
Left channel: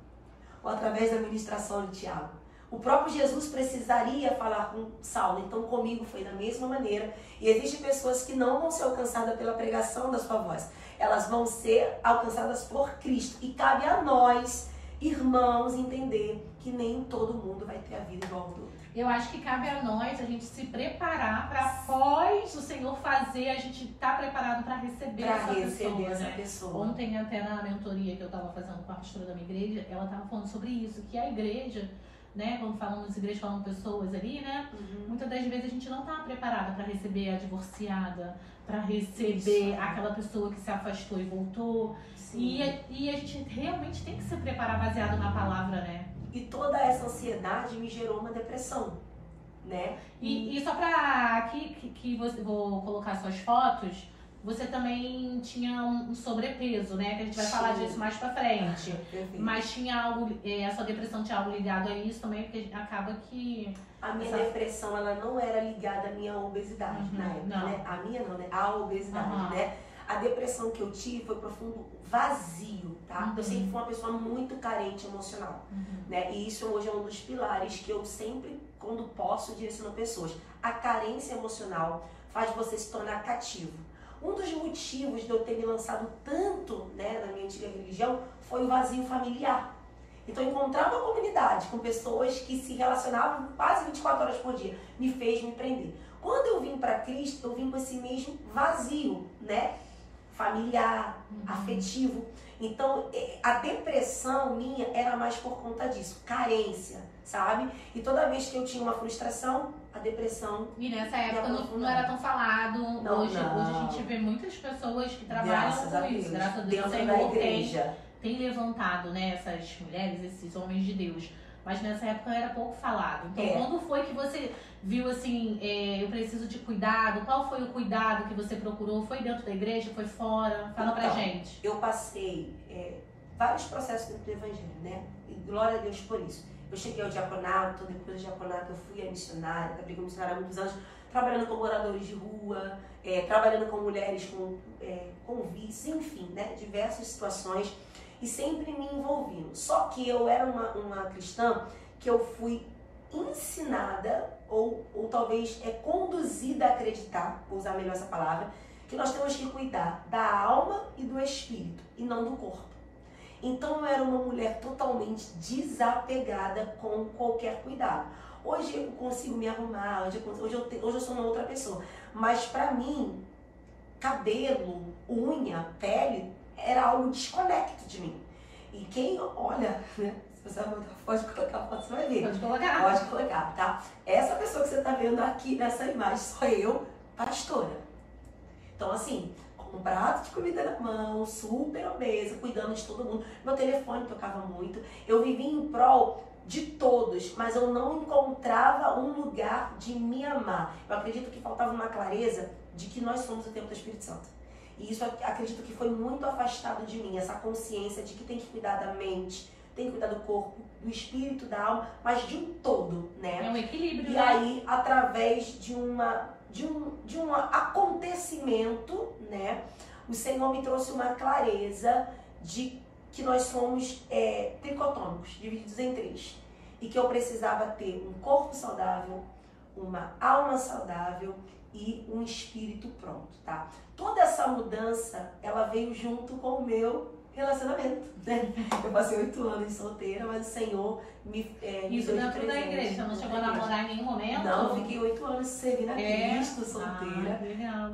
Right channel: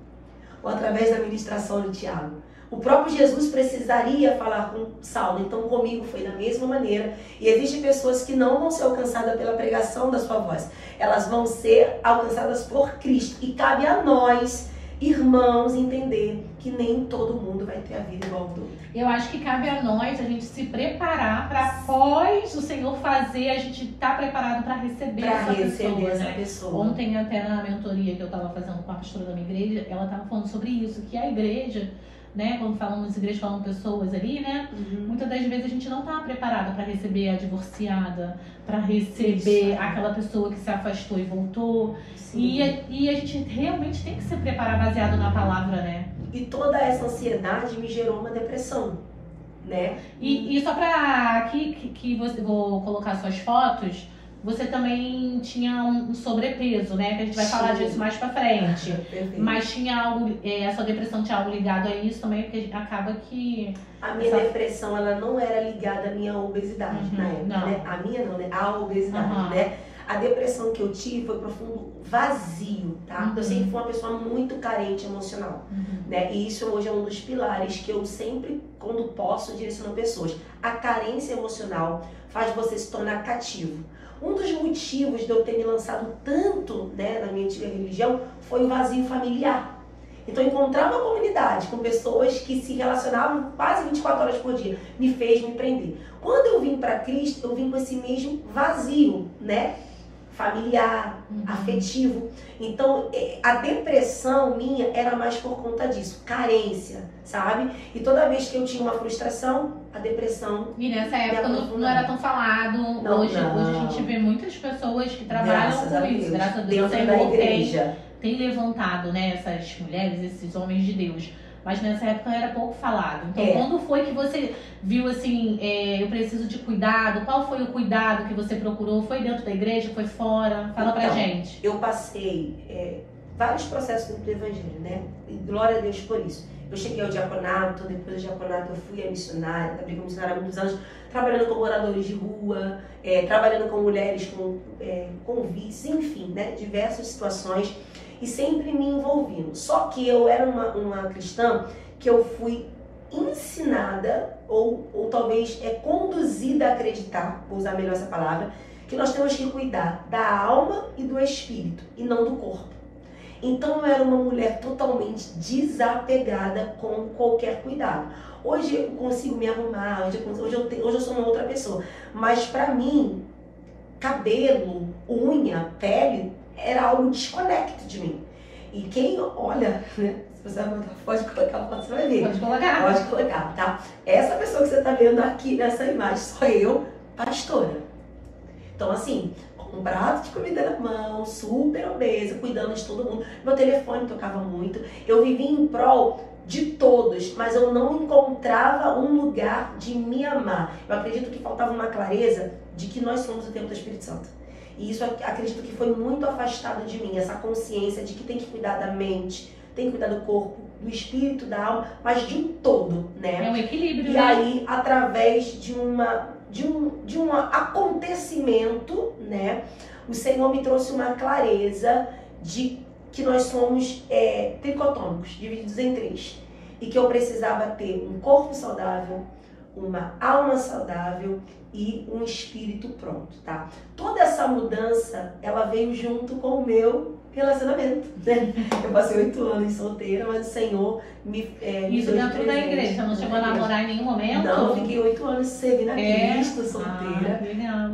ou através da ministração de Tiago. O próprio Jesus precisaria falar com Saulo, então comigo foi da mesma maneira. E existem pessoas que não vão ser alcançadas pela pregação da sua voz, elas vão ser alcançadas por Cristo. E cabe a nós, irmãos, entender que nem todo mundo vai ter a vida igual ao do outro. Eu acho que cabe a nós a gente se preparar para após o Senhor fazer, a gente estar preparado para receber essa pessoa. Ontem até na mentoria que eu estava fazendo com a pastora da minha igreja, ela estava falando sobre isso, que a igreja, né, quando falamos igreja, falamos pessoas ali, né, muitas das vezes a gente não está preparado para receber a divorciada, para receber aquela pessoa que se afastou e voltou. E a gente realmente tem que se preparar baseado na palavra, né? E toda essa ansiedade me gerou uma depressão, né? E só para aqui que você vou colocar suas fotos, você também tinha um sobrepeso, né? Que a gente vai falar disso mais pra frente. Mas tinha algo, a sua depressão tinha algo ligado a isso também, porque acaba que... A minha depressão, ela não era ligada à minha obesidade na época, né? A minha não, né? A obesidade, né? A depressão que eu tive foi profundo vazio, tá? Eu sempre fui uma pessoa muito carente emocional, né? E isso hoje é um dos pilares que eu sempre, quando posso, direciono pessoas. A carência emocional faz você se tornar cativo. Um dos motivos de eu ter me lançado tanto, né, na minha antiga religião foi o vazio familiar. Então, encontrar uma comunidade com pessoas que se relacionavam quase 24 horas por dia me fez me prender. Quando eu vim para Cristo, eu vim com esse mesmo vazio, né? Familiar, afetivo. Então, a depressão minha era mais por conta disso, carência, sabe? E toda vez que eu tinha uma frustração, a depressão... E nessa época não era tão falado. Hoje a gente vê muitas pessoas que trabalham com isso, graças a Deus. Dentro da igreja. Tem levantado, né, essas mulheres, esses homens de Deus. Mas nessa época era pouco falado. Então, quando foi que você viu assim, eu preciso de cuidado? Qual foi o cuidado que você procurou? Foi dentro da igreja? Foi fora? Fala pra gente. Eu passei vários processos dentro do evangelho, né? E glória a Deus por isso. Eu cheguei ao diaconato, depois do diaconato eu fui a missionária, trabalhei como missionária há muitos anos, trabalhando com moradores de rua, trabalhando com mulheres com vícios, enfim, né? Diversas situações e sempre me envolvendo. Só que eu era uma cristã que eu fui ensinada ou talvez conduzida a acreditar, vou usar melhor essa palavra, que nós temos que cuidar da alma e do espírito e não do corpo. Então eu era uma mulher totalmente desapegada com qualquer cuidado. Hoje eu consigo me arrumar, hoje eu sou uma outra pessoa. Mas pra mim, cabelo, unha, pele, era algo desconecto de mim. E quem olha, né? Se você pode colocar a foto, você vai ver. Pode colocar. Pode colocar, tá? Essa pessoa que você tá vendo aqui nessa imagem sou eu, pastora. Então assim, um prato de comida na mão, super obesa, cuidando de todo mundo. Meu telefone tocava muito. Eu vivia em prol de todos, mas eu não encontrava um lugar de me amar. Eu acredito que faltava uma clareza de que nós somos o templo do Espírito Santo. E isso acredito que foi muito afastado de mim, essa consciência de que tem que cuidar da mente, tem que cuidar do corpo, do espírito, da alma, mas de um todo, né? É um equilíbrio, e né? aí, através de um acontecimento, né? O Senhor me trouxe uma clareza de que nós somos tricotômicos, divididos em três. E que eu precisava ter um corpo saudável, uma alma saudável e um espírito pronto, tá? Toda essa mudança, ela veio junto com o meu relacionamento, né? Eu passei 8 anos solteira, mas o Senhor me Isso dentro da igreja, não chegou a namorar em nenhum momento? Não, fiquei 8 anos servindo a Cristo, solteira,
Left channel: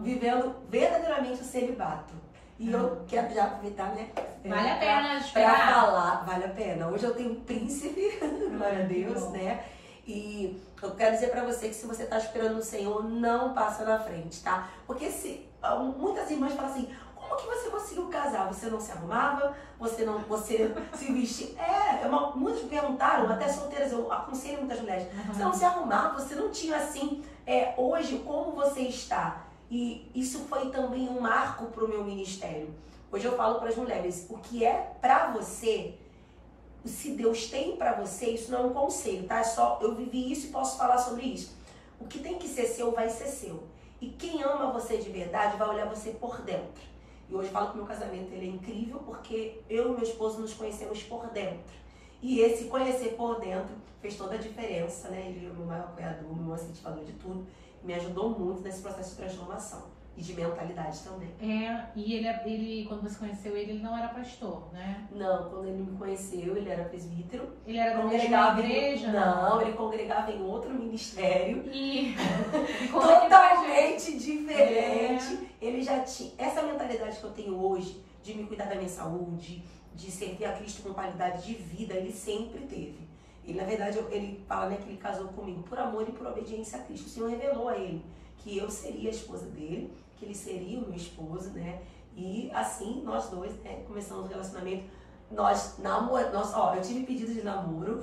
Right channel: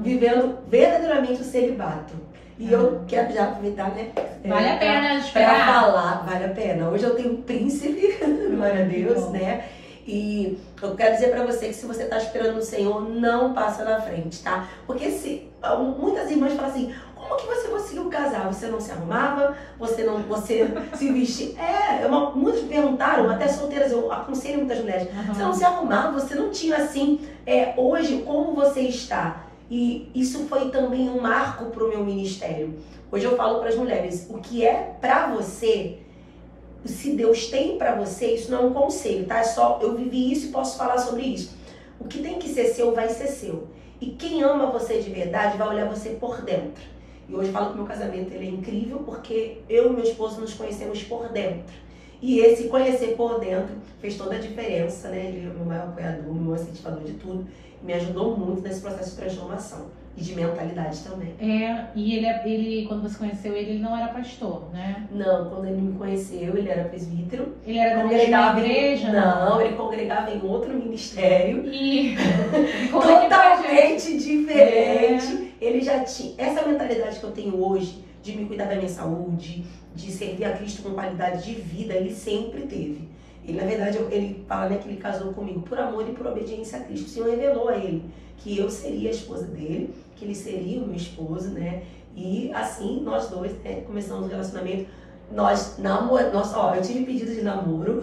vivendo verdadeiramente o celibato. E eu quero já aproveitar, né? Vale a pena pra falar, vale a pena. Hoje eu tenho um príncipe, glória a Deus, bom, né? E eu quero dizer pra você que se você tá esperando no Senhor, não passa na frente, tá? Porque muitas irmãs falam assim, como que você conseguiu casar? Você não se arrumava? Você se vestia? Muitas perguntaram, até solteiras, eu aconselho muitas mulheres. Você não se arrumava, você não tinha assim, hoje, como você está? E isso foi também um marco pro meu ministério. Hoje eu falo para as mulheres, o que é pra você, se Deus tem pra você, isso não é um conselho, tá? É só, eu vivi isso e posso falar sobre isso. O que tem que ser seu, vai ser seu. E quem ama você de verdade, vai olhar você por dentro. E hoje eu falo que o meu casamento ele é incrível porque eu e meu esposo nos conhecemos por dentro. E esse conhecer por dentro fez toda a diferença, né? Ele é o meu maior apoiador, meu incentivador de tudo. Me ajudou muito nesse processo de transformação. E de mentalidade também. E ele, quando você conheceu ele não era pastor, né? Não, quando ele me conheceu, ele era presbítero. Ele era congregava da igreja? Não, ele congregava em outro ministério. E totalmente diferente. Ele já tinha essa mentalidade que eu tenho hoje, de me cuidar da minha saúde, de servir a Cristo com qualidade de vida, ele sempre teve. Ele, na verdade, ele fala, né, que ele casou comigo por amor e por obediência a Cristo. O Senhor revelou a ele que eu seria a esposa dele, que ele seria o meu esposo, né? E assim, nós dois, né, começamos o relacionamento. Eu tive pedido de namoro,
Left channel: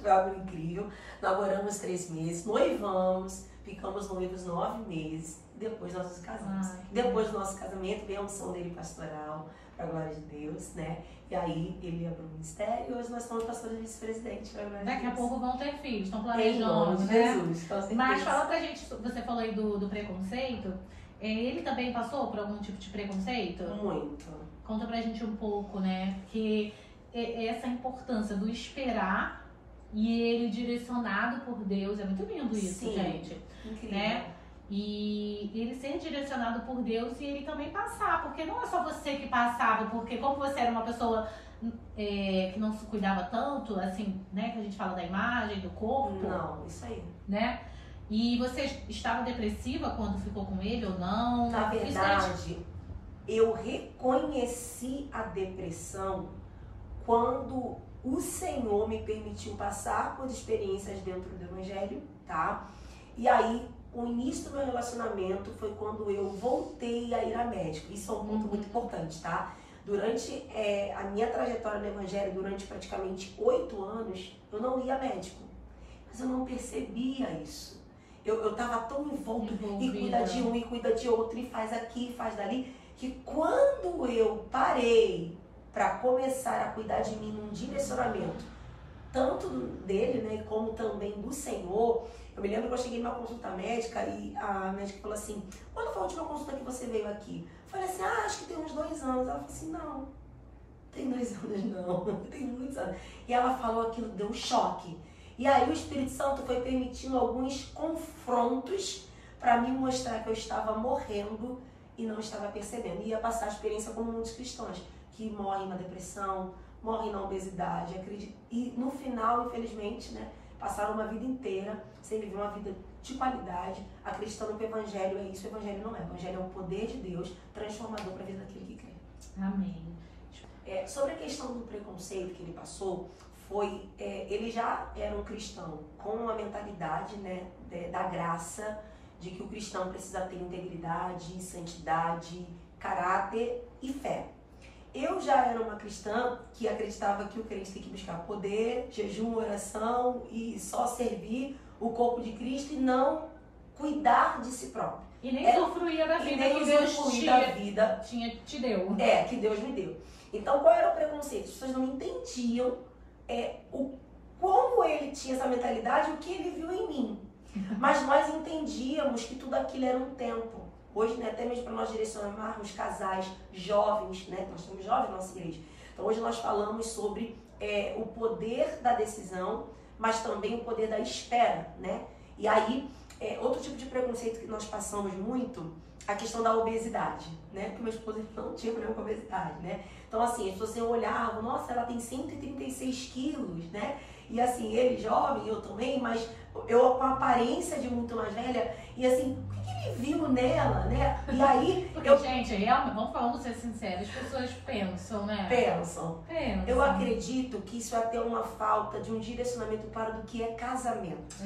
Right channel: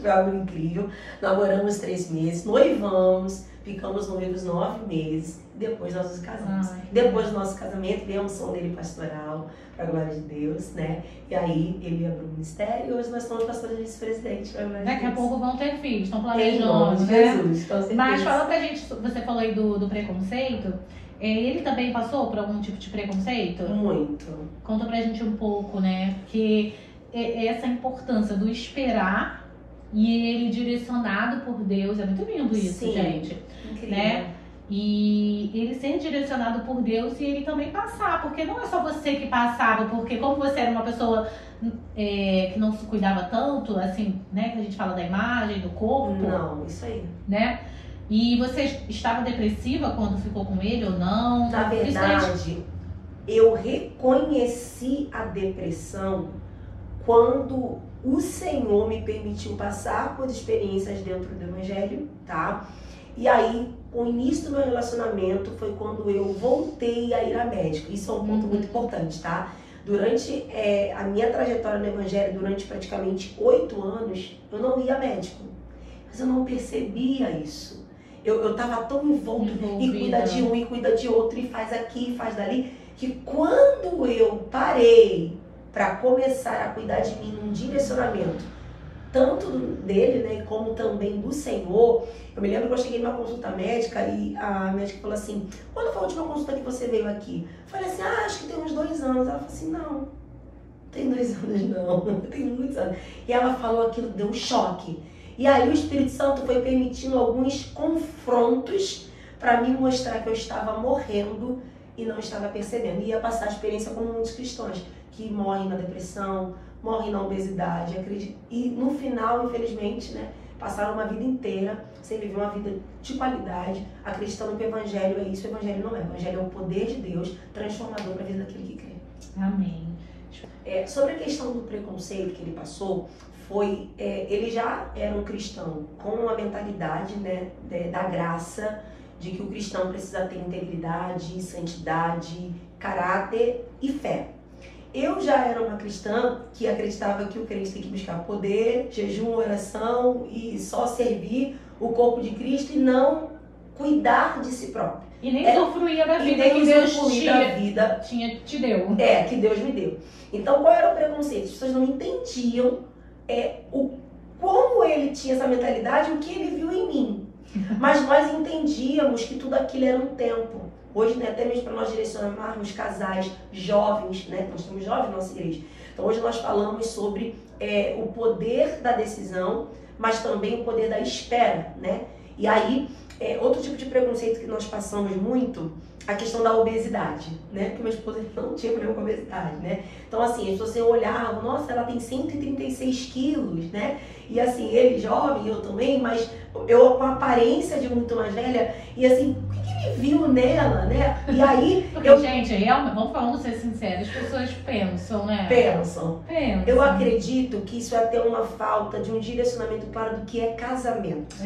foi algo incrível. Namoramos 3 meses, noivamos, ficamos noivos 9 meses, depois nós nos casamos. Depois do nosso casamento, veio a unção dele pastoral, para a glória de Deus, né? E aí ele abriu o ministério e hoje nós somos pastores vice-presidente, para a glória de Deus. Daqui a pouco vão ter filhos, estão planejando, em nome de né? Jesus, Mas fala pra gente, você falou aí do preconceito, ele também passou por algum tipo de preconceito? Muito. Conta pra gente um pouco, né? Porque essa importância do esperar e ele direcionado por Deus, é muito lindo isso, Sim, gente. Incrível. Né? E ele ser direcionado por Deus e ele também passar, porque não é só você que passava, porque como você era uma pessoa que não se cuidava tanto, assim, né, que a gente fala da imagem, do corpo. Não, isso aí. Né? E você estava depressiva quando ficou com ele ou não? Na verdade, eu reconheci a depressão quando o Senhor me permitiu passar por experiências dentro do Evangelho, tá? E aí, o início do meu relacionamento foi quando eu voltei a ir a médico. Isso é um ponto muito importante, tá? Durante a minha trajetória no Evangelho, durante praticamente 8 anos, eu não ia a médico. Mas eu não percebia isso. Eu tava tão envolto e cuida de um e cuida de outro, e faz aqui, e faz dali, que quando eu parei para começar a cuidar de mim num direcionamento, tanto dele, né, como também do Senhor. Eu me lembro que eu cheguei numa consulta médica e a médica falou assim: quando foi a última consulta que você veio aqui? Eu falei assim: acho que tem uns 2 anos. Ela falou assim: não tem 2 anos não, tem muitos anos. E ela falou aquilo, deu um choque. E aí o Espírito Santo foi permitindo alguns confrontos para me mostrar que eu estava morrendo e não estava percebendo. E ia passar a experiência como muitos cristãos, que morrem na depressão, morrem na obesidade, e no final, infelizmente, né, passaram uma vida inteira sem viver uma vida de qualidade, acreditando que o Evangelho é isso. O Evangelho não é. O Evangelho é o poder de Deus transformador para a vida daquele que crê. Amém. Sobre a questão do preconceito que ele passou, ele já era um cristão com uma mentalidade, né, da graça, de que o cristão precisa ter integridade, santidade, caráter e fé. Eu já era uma cristã que acreditava que o crente tem que buscar poder, jejum, oração e só servir o corpo de Cristo e não cuidar de si próprio. E nem usufruía da vida que Deus te deu. Que Deus me deu. Então, qual era o preconceito? As pessoas não entendiam como ele tinha essa mentalidade, o que ele viu em mim. Mas nós entendíamos que tudo aquilo era um tempo. Hoje, né, até mesmo para nós direcionarmos casais jovens, né, nós temos jovens na nossa igreja. Então, hoje nós falamos sobre o poder da decisão, mas também o poder da espera, né? E aí, outro tipo de preconceito que nós passamos muito, a questão da obesidade, né? Porque minha esposa não tinha problema com a obesidade, né? Então, assim, as pessoas olhavam, nossa, ela tem 136 quilos, né? E assim, ele jovem, eu também, mas eu com a aparência de muito mais velha, e assim, o que ele viu nela, né? E aí... Porque, gente, vamos ser sinceros, as pessoas pensam, né? Pensam. Eu acredito que isso é ter uma falta de um direcionamento claro do que é casamento.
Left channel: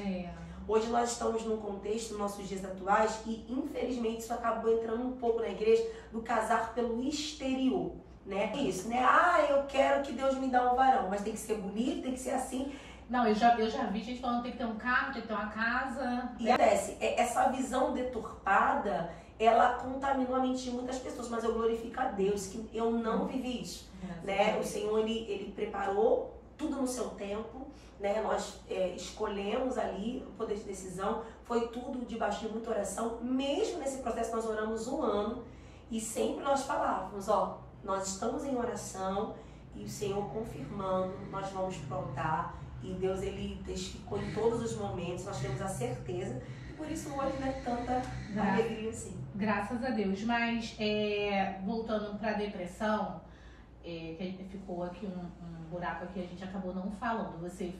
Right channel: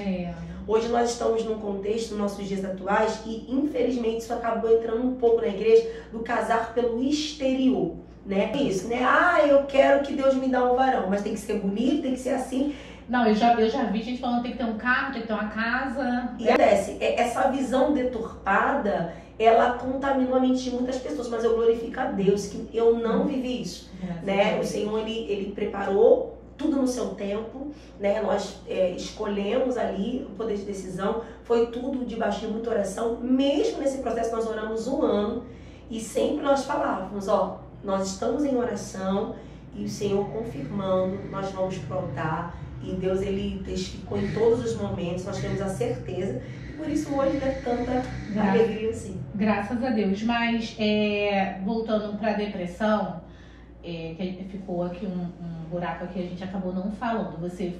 Hoje nós estamos num contexto, nos nossos dias atuais, e infelizmente isso acabou entrando um pouco na igreja, do casar pelo exterior, né? Isso, né? Eu quero que Deus me dê um varão, mas tem que ser bonito, tem que ser assim. Não, eu já vi gente falando que tem que ter um carro, tem que ter uma casa. E acontece, essa visão deturpada, ela contaminou a mente de muitas pessoas, mas eu glorifico a Deus que eu não vivi isso, né? O Senhor, ele preparou tudo no seu tempo, né? Nós escolhemos ali o poder de decisão, foi tudo debaixo de muita oração. Mesmo nesse processo nós oramos 1 ano e sempre nós falávamos, nós estamos em oração e o Senhor confirmando, nós vamos pro altar, e Deus, ele testificou em todos os momentos, nós temos a certeza, e por isso hoje é tanta alegria assim. Graças a Deus. Mas voltando para a depressão, que ficou aqui um buraco aqui, a gente acabou não falando. Você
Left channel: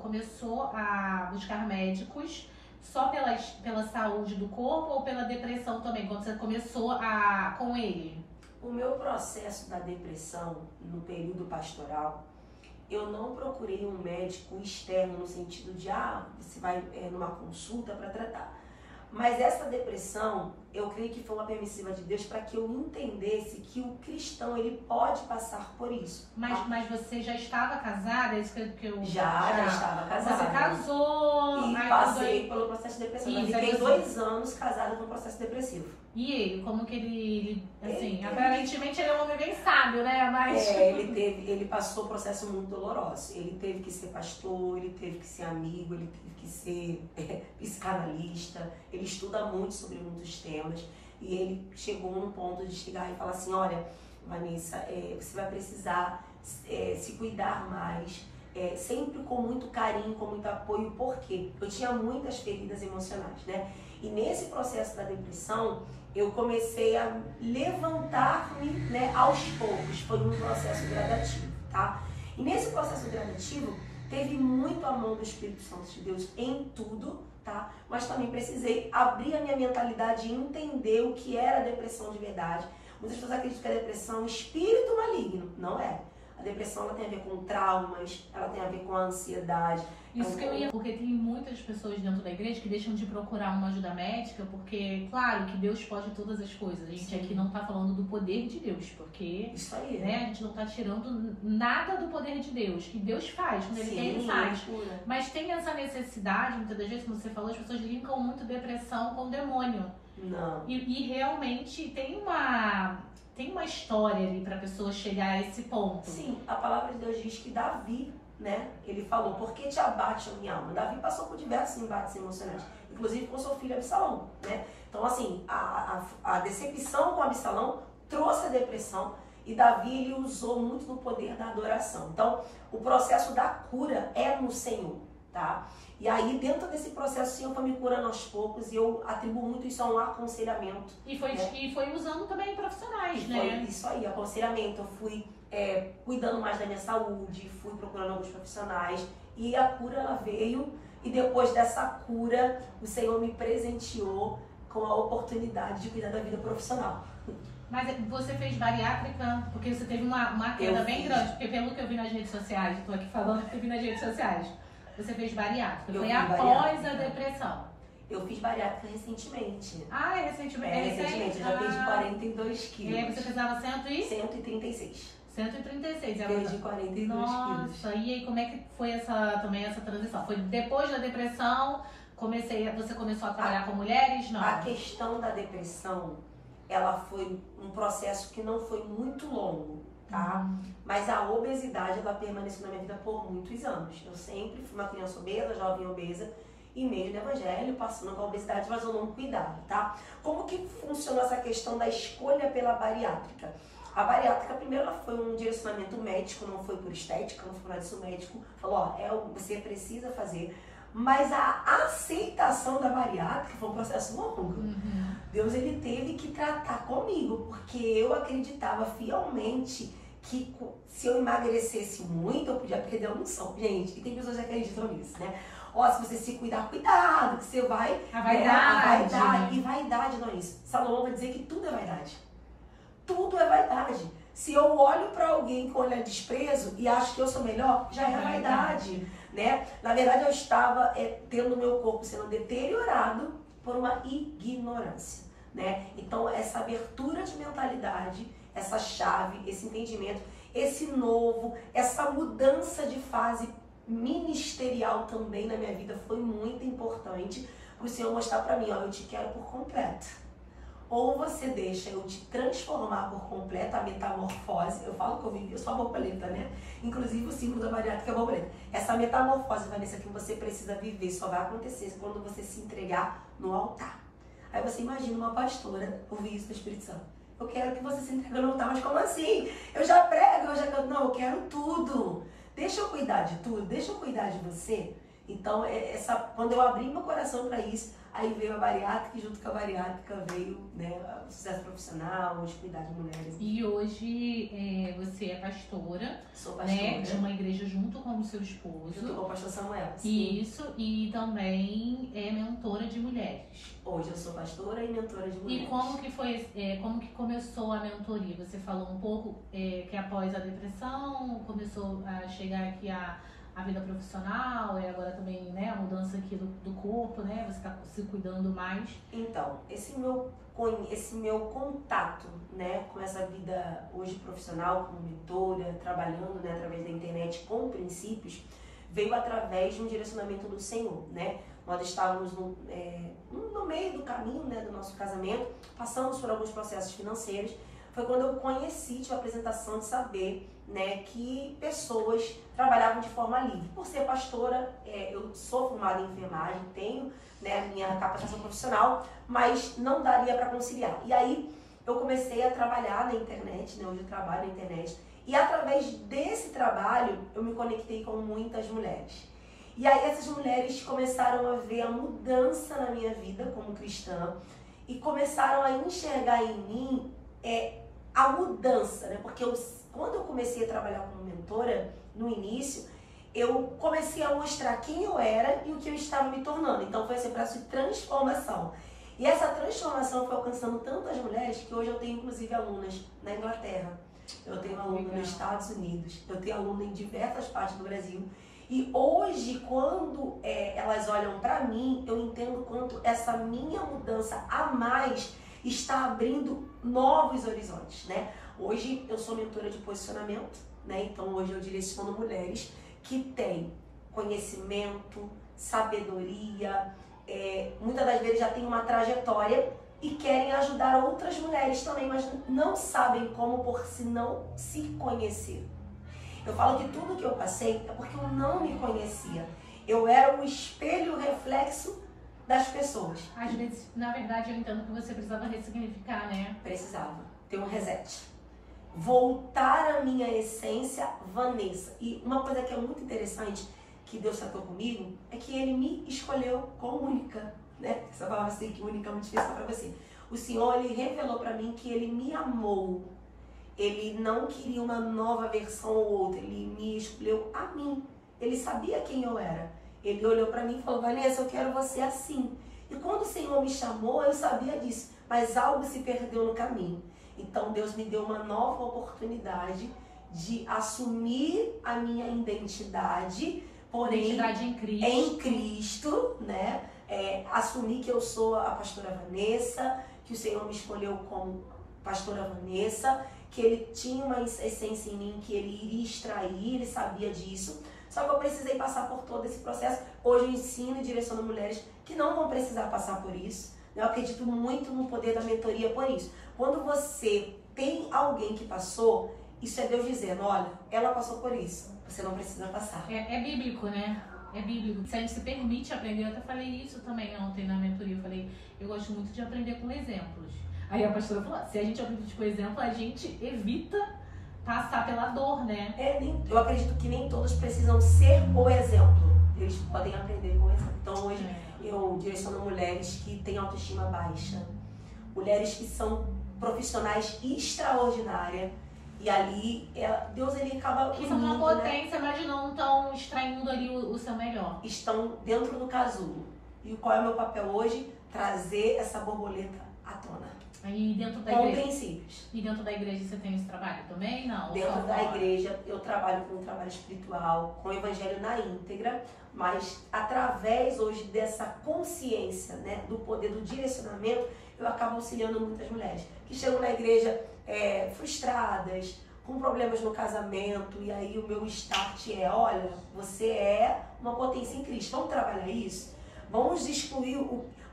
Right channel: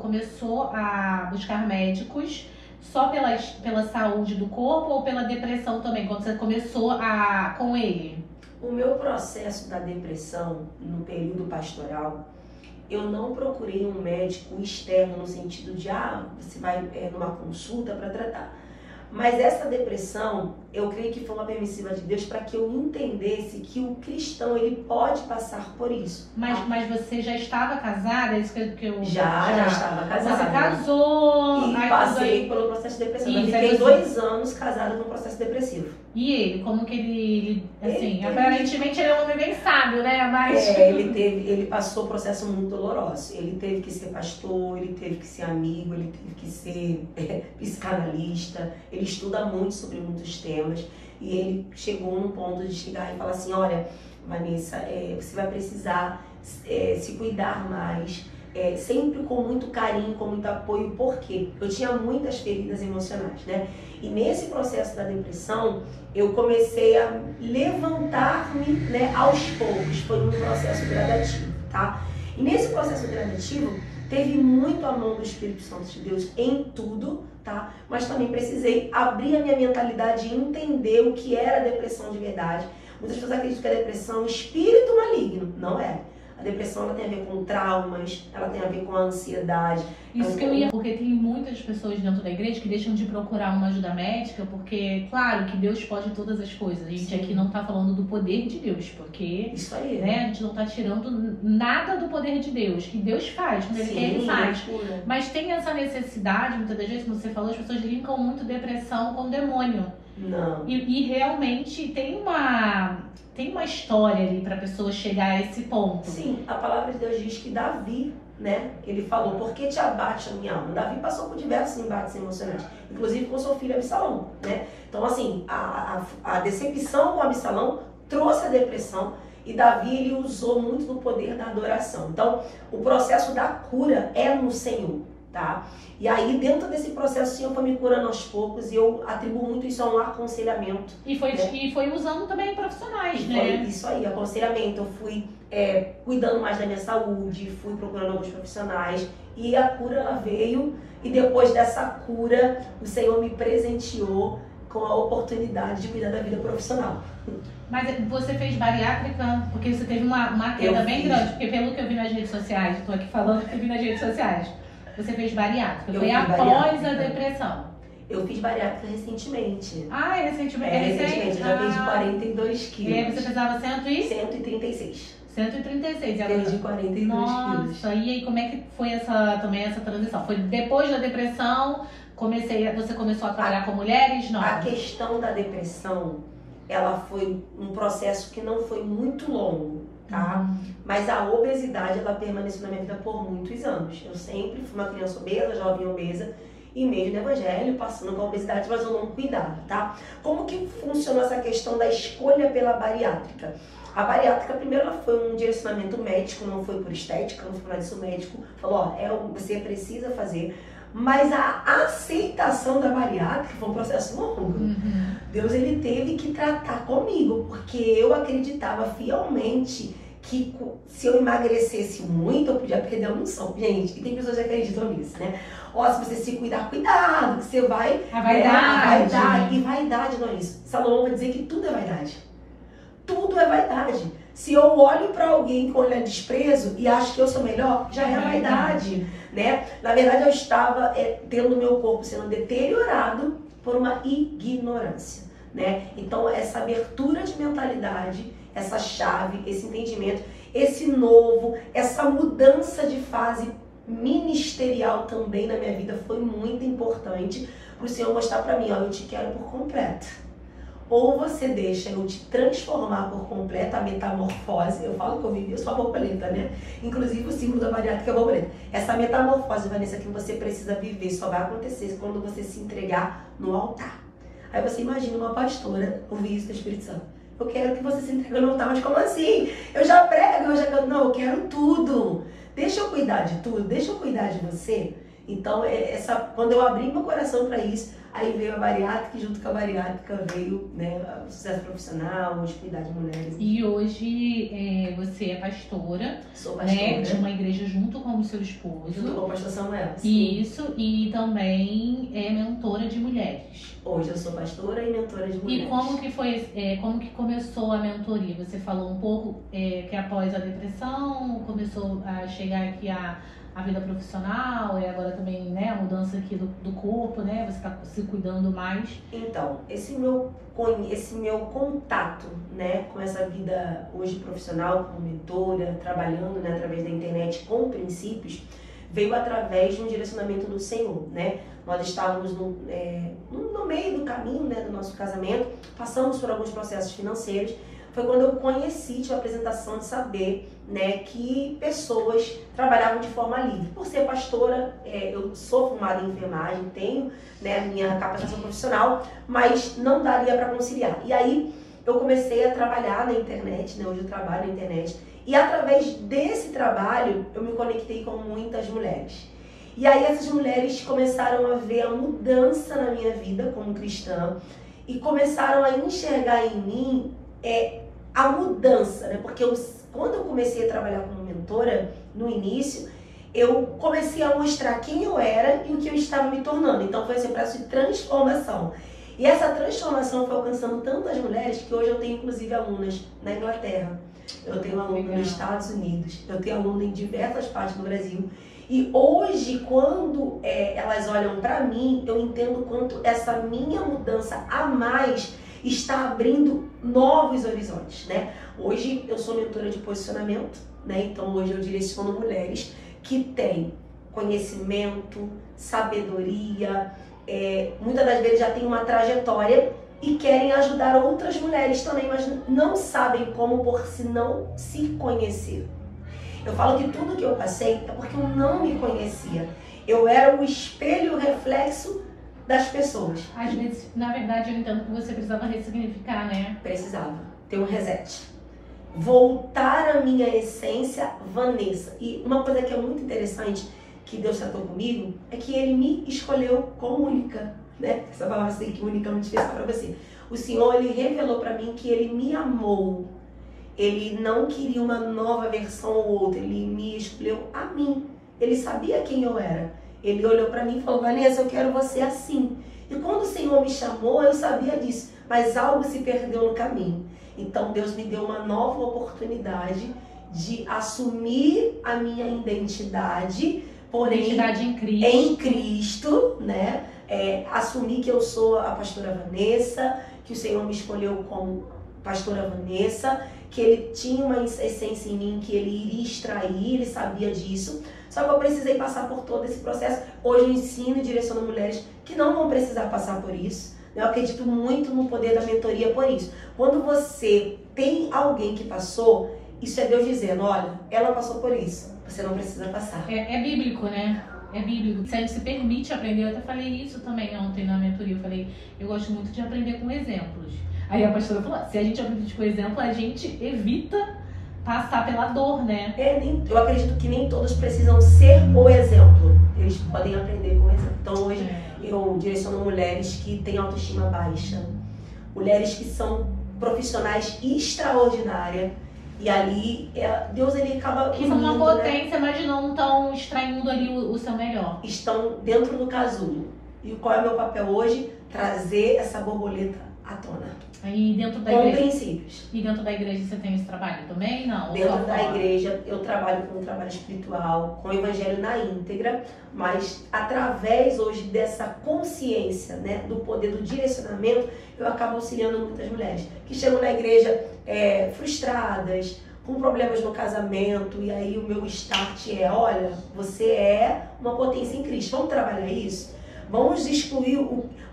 começou a buscar médicos só pela saúde do corpo ou pela depressão também, quando você começou com ele? O meu processo da depressão no período pastoral, eu não procurei um médico externo no sentido de você vai numa consulta para tratar. Mas essa depressão, eu creio que foi uma permissiva de Deus para que eu entendesse que o cristão, ele pode passar por isso. Mas você já estava casada? É isso que eu... Já estava casada. Você casou... E passei pelo processo de depressão. Eu fiquei 2 anos casada no processo depressivo. E ele? Como que ele assim, aparentemente ele é um homem bem sábio, né? Mas... ele passou um processo muito doloroso. Ele teve que ser pastor, ele teve que ser amigo, ele teve que ser psicanalista. Ele estuda muito sobre muitos temas. E ele chegou num ponto de chegar e falar assim, olha, Vanessa, você vai precisar se cuidar mais. Sempre com muito carinho, com muito apoio, porque eu tinha muitas feridas emocionais, né? E nesse processo da depressão, eu comecei a levantar-me, né, aos poucos. Foi um processo gradativo, tá? E nesse processo gradativo, teve muito a mão do Espírito Santo de Deus em tudo, tá? Mas também precisei abrir a minha mentalidade e entender o que era a depressão de verdade. Muitas pessoas acreditam que a depressão é um espírito maligno. Não é. A depressão, ela tem a ver com traumas, ela tem a ver com a ansiedade. Isso que eu ia, porque tem muitas pessoas dentro da igreja que deixam de procurar uma ajuda médica, porque, claro, que Deus pode todas as coisas. A gente aqui não tá falando do poder de Deus, porque isso aí, né, a gente não tá tirando nada do poder de Deus, que Deus faz, quando Ele quer, Ele faz. Mas tem essa necessidade, muitas das vezes, como você falou, as pessoas linkam muito depressão com demônio. Não. E realmente tem uma história ali para a pessoa chegar a esse ponto. Sim, a palavra de Deus diz que Davi, né, ele falou, por que te abate a minha alma? Davi passou por diversos embates emocionais, inclusive com seu filho Absalão, né? Então, assim, a decepção com Absalão trouxe a depressão e Davi, ele usou muito do poder da adoração. Então, o processo da cura é no Senhor, tá? E aí, dentro desse processo, o Senhor foi me curando aos poucos e eu atribuo muito isso a um aconselhamento. E foi usando também profissionais, né? Foi isso aí, aconselhamento. Eu fui cuidando mais da minha saúde, fui procurando alguns profissionais e a cura, ela veio. E depois dessa cura, o Senhor me presenteou com a oportunidade de cuidar da vida profissional. Mas você fez bariátrica porque você teve uma queda bem grande, porque pelo que eu vi nas redes sociais, estou aqui falando que eu vi nas redes sociais, você fez bariátrica, foi após a depressão. Eu fiz bariátrica recentemente. Ah, recentemente? Recentemente, eu já perdi 42 quilos. E aí você pesava 136. 136. Perdi 42 quilos. Nossa, e aí como é que foi essa transição? Foi depois da depressão, você começou a trabalhar com mulheres? Não. A questão da depressão, ela foi um processo que não foi muito longo, tá? Mas a obesidade, ela permaneceu na minha vida por muitos anos. Eu sempre fui uma criança obesa, jovem obesa, e meio no evangelho, passando com a obesidade, mas eu não cuidava, tá? Como que funcionou essa questão da escolha pela bariátrica? A bariátrica, primeiro, ela foi um direcionamento médico, não foi por estética, não foi nada disso, o médico falou, você precisa fazer. Mas a aceitação da bariátrica foi um processo longo. Deus, ele teve que tratar comigo, porque eu acreditava fielmente que se eu emagrecesse muito, eu podia perder a unção. Gente, e tem pessoas que acreditam nisso, né? Se você se cuidar, cuidado, que você vai... A vaidade. E vaidade não é isso. Salomão vai dizer que tudo é vaidade. Tudo é vaidade. Se eu olho para alguém com olhar desprezo e acho que eu sou melhor, já é vaidade, né? Na verdade, eu estava tendo o meu corpo sendo deteriorado por uma ignorância, né? Então, essa abertura de mentalidade, essa chave, esse entendimento, esse novo, essa mudança de fase ministerial também na minha vida foi muito importante para o Senhor mostrar para mim, eu te quero por completo. Ou você deixa eu te transformar por completo, a metamorfose. Eu falo que eu sou a borboleta, né? Inclusive o símbolo da bariátrica é a borboleta. Essa metamorfose, Vanessa, que você precisa viver, só vai acontecer quando você se entregar no altar. Aí você imagina uma pastora ouvir isso do Espírito Santo. Eu quero que você se entregue no altar, mas como assim? Eu já prego, eu já canto. Não, eu quero tudo. Deixa eu cuidar de tudo, deixa eu cuidar de você. Então, quando eu abri meu coração para isso, aí veio a bariátrica e junto com a bariátrica veio, né, o sucesso profissional, de cuidar de mulheres. E hoje você é pastora, sou pastora, né, de uma igreja junto com o seu esposo. Junto com o pastor Samuel. Sim. Isso, e também é mentora de mulheres. Hoje eu sou pastora e mentora de mulheres. E como que foi, como que começou a mentoria? Você falou um pouco que após a depressão começou a chegar aqui a vida profissional e agora também, né, a mudança aqui do corpo, né, você está se cuidando mais. Então, esse meu contato, né, com essa vida hoje profissional, como mentora, trabalhando, né, através da internet com princípios, veio através de um direcionamento do Senhor, né? Nós estávamos no meio do caminho, né, do nosso casamento, passamos por alguns processos financeiros. Foi quando eu conheci, tive a apresentação de saber, né, que pessoas trabalhavam de forma livre. Por ser pastora, eu sou formada em enfermagem, tenho, né, a minha capacitação profissional, mas não daria para conciliar. E aí eu comecei a trabalhar na internet, né, hoje eu trabalho na internet, e através desse trabalho eu me conectei com muitas mulheres. E aí essas mulheres começaram a ver a mudança na minha vida como cristã e começaram a enxergar em mim a mudança, né? Porque quando eu comecei a trabalhar como mentora, no início, eu comecei a mostrar quem eu era e o que eu estava me tornando. Então foi esse processo de transformação. E essa transformação foi alcançando tantas mulheres que hoje eu tenho inclusive alunas na Inglaterra, eu tenho aluna nos Estados Unidos, eu tenho aluna em diversas partes do Brasil. E hoje, quando elas olham para mim, eu entendo quanto essa minha mudança a mais está abrindo novos horizontes, né? Hoje eu sou mentora de posicionamento, né? Então hoje eu direciono mulheres que têm conhecimento, sabedoria, muitas das vezes já tem uma trajetória e querem ajudar outras mulheres também, mas não sabem como por se não se conhecer. Eu falo que tudo que eu passei é porque eu não me conhecia. Eu era o espelho e o reflexo das pessoas. Às vezes, na verdade, eu entendo que você precisava ressignificar, né? Precisava ter um reset. Voltar à minha essência, Vanessa. E uma coisa que é muito interessante, que Deus tratou comigo, é que Ele me escolheu como única, né? Essa palavra assim, que única é muito especial para você. O Senhor, Ele revelou para mim que Ele me amou. Ele não queria uma nova versão ou outra. Ele me escolheu a mim. Ele sabia quem eu era. Ele olhou para mim e falou, Vanessa, eu quero você assim. E quando o Senhor me chamou, eu sabia disso. Mas algo se perdeu no caminho. Então Deus me deu uma nova oportunidade de assumir a minha identidade, porém Identidade em Cristo. Em Cristo, né? Assumir que eu sou a pastora Vanessa, que o Senhor me escolheu como pastora Vanessa, que Ele tinha uma essência em mim que Ele iria extrair, Ele sabia disso. Só que eu precisei passar por todo esse processo. Hoje eu ensino e direciono mulheres que não vão precisar passar por isso. Eu acredito muito no poder da mentoria por isso. Quando você tem alguém que passou, isso é Deus dizendo, olha, ela passou por isso, você não precisa passar. É bíblico, né? É bíblico. Se a gente se permite aprender, eu até falei isso também ontem na mentoria, eu falei, eu gosto muito de aprender com exemplos. Aí a pastora falou, se a gente aprende com exemplo, a gente evita passar pela dor, né? Eu acredito que nem todos precisam ser o exemplo. Eles podem aprender com o exemplo. Então hoje eu direciono mulheres que têm autoestima baixa. Mulheres que são profissionais extraordinárias. E ali, Deus ele acaba que são uma potência, né? Mas não estão extraindo ali o seu melhor. Estão dentro do casulo. E qual é o meu papel hoje? Trazer essa borboleta à tona. Aí dentro da com igreja. princípios. E dentro da igreja você tem esse trabalho também? Não? Dentro da igreja eu trabalho com um trabalho espiritual, com o evangelho na íntegra, mas através hoje dessa consciência, né, do poder do direcionamento, eu acabo auxiliando muitas mulheres que chegam na igreja frustradas, com problemas no casamento, e aí o meu start é, olha, você é uma potência em Cristo, vamos trabalhar isso? Vamos excluir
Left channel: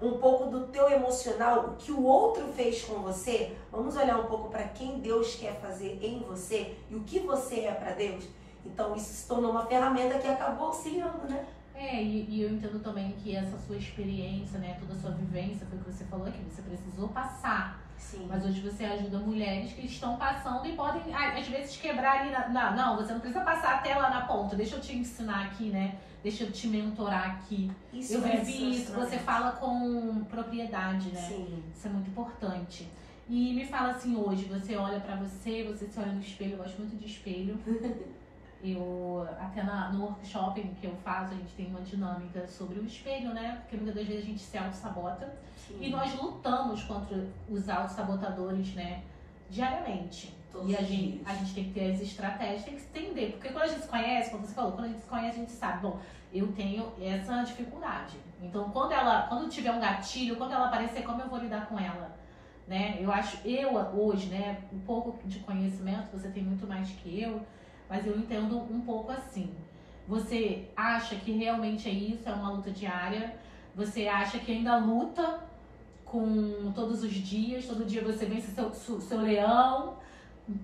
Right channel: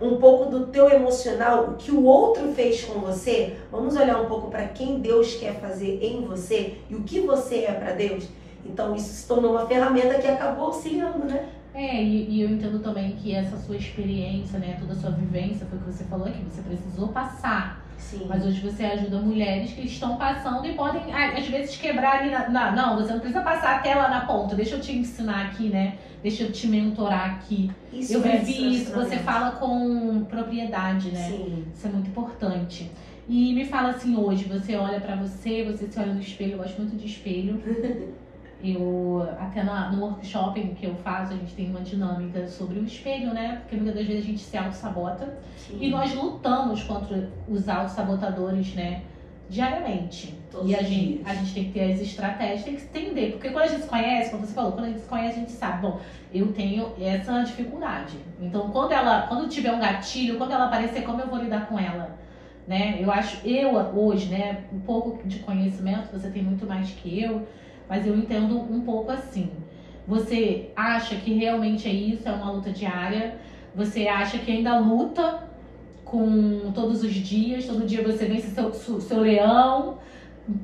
um pouco do teu emocional, o que o outro fez com você. Vamos olhar um pouco para quem Deus quer fazer em você e o que você é para Deus. Então isso se tornou uma ferramenta que acabou auxiliando, né? E eu entendo também que essa sua experiência, né, toda a sua vivência, foi o que você falou aqui, você precisou passar. Sim. Mas hoje você ajuda mulheres que estão passando e podem, às vezes, quebrar ali não, você não precisa passar até lá na ponta, deixa eu te ensinar aqui, né? Deixa eu te mentorar aqui. Isso eu vivi isso, você fala com propriedade, né? Sim. Isso é muito importante. E me fala assim, hoje, você olha pra você se olha no espelho, eu gosto muito de espelho. Eu, até no workshop que eu faço, a gente tem uma dinâmica sobre o espelho, né? Porque muitas das vezes a gente se auto-sabota. E nós lutamos contra os auto-sabotadores, né? Diariamente. Todos e a gente tem que ter as estratégias, tem que entender. Porque quando a gente se conhece, como você falou, quando a gente se conhece, a gente sabe, bom, eu tenho essa dificuldade. Então, quando tiver um gatilho, quando ela aparecer, como eu vou lidar com ela? Né? Eu hoje, né, um pouco de conhecimento, você tem muito mais que eu, mas eu entendo um pouco assim. Você acha que realmente é isso, é uma luta diária? Você acha que ainda luta com todos os dias? Todo dia você vence seu leão?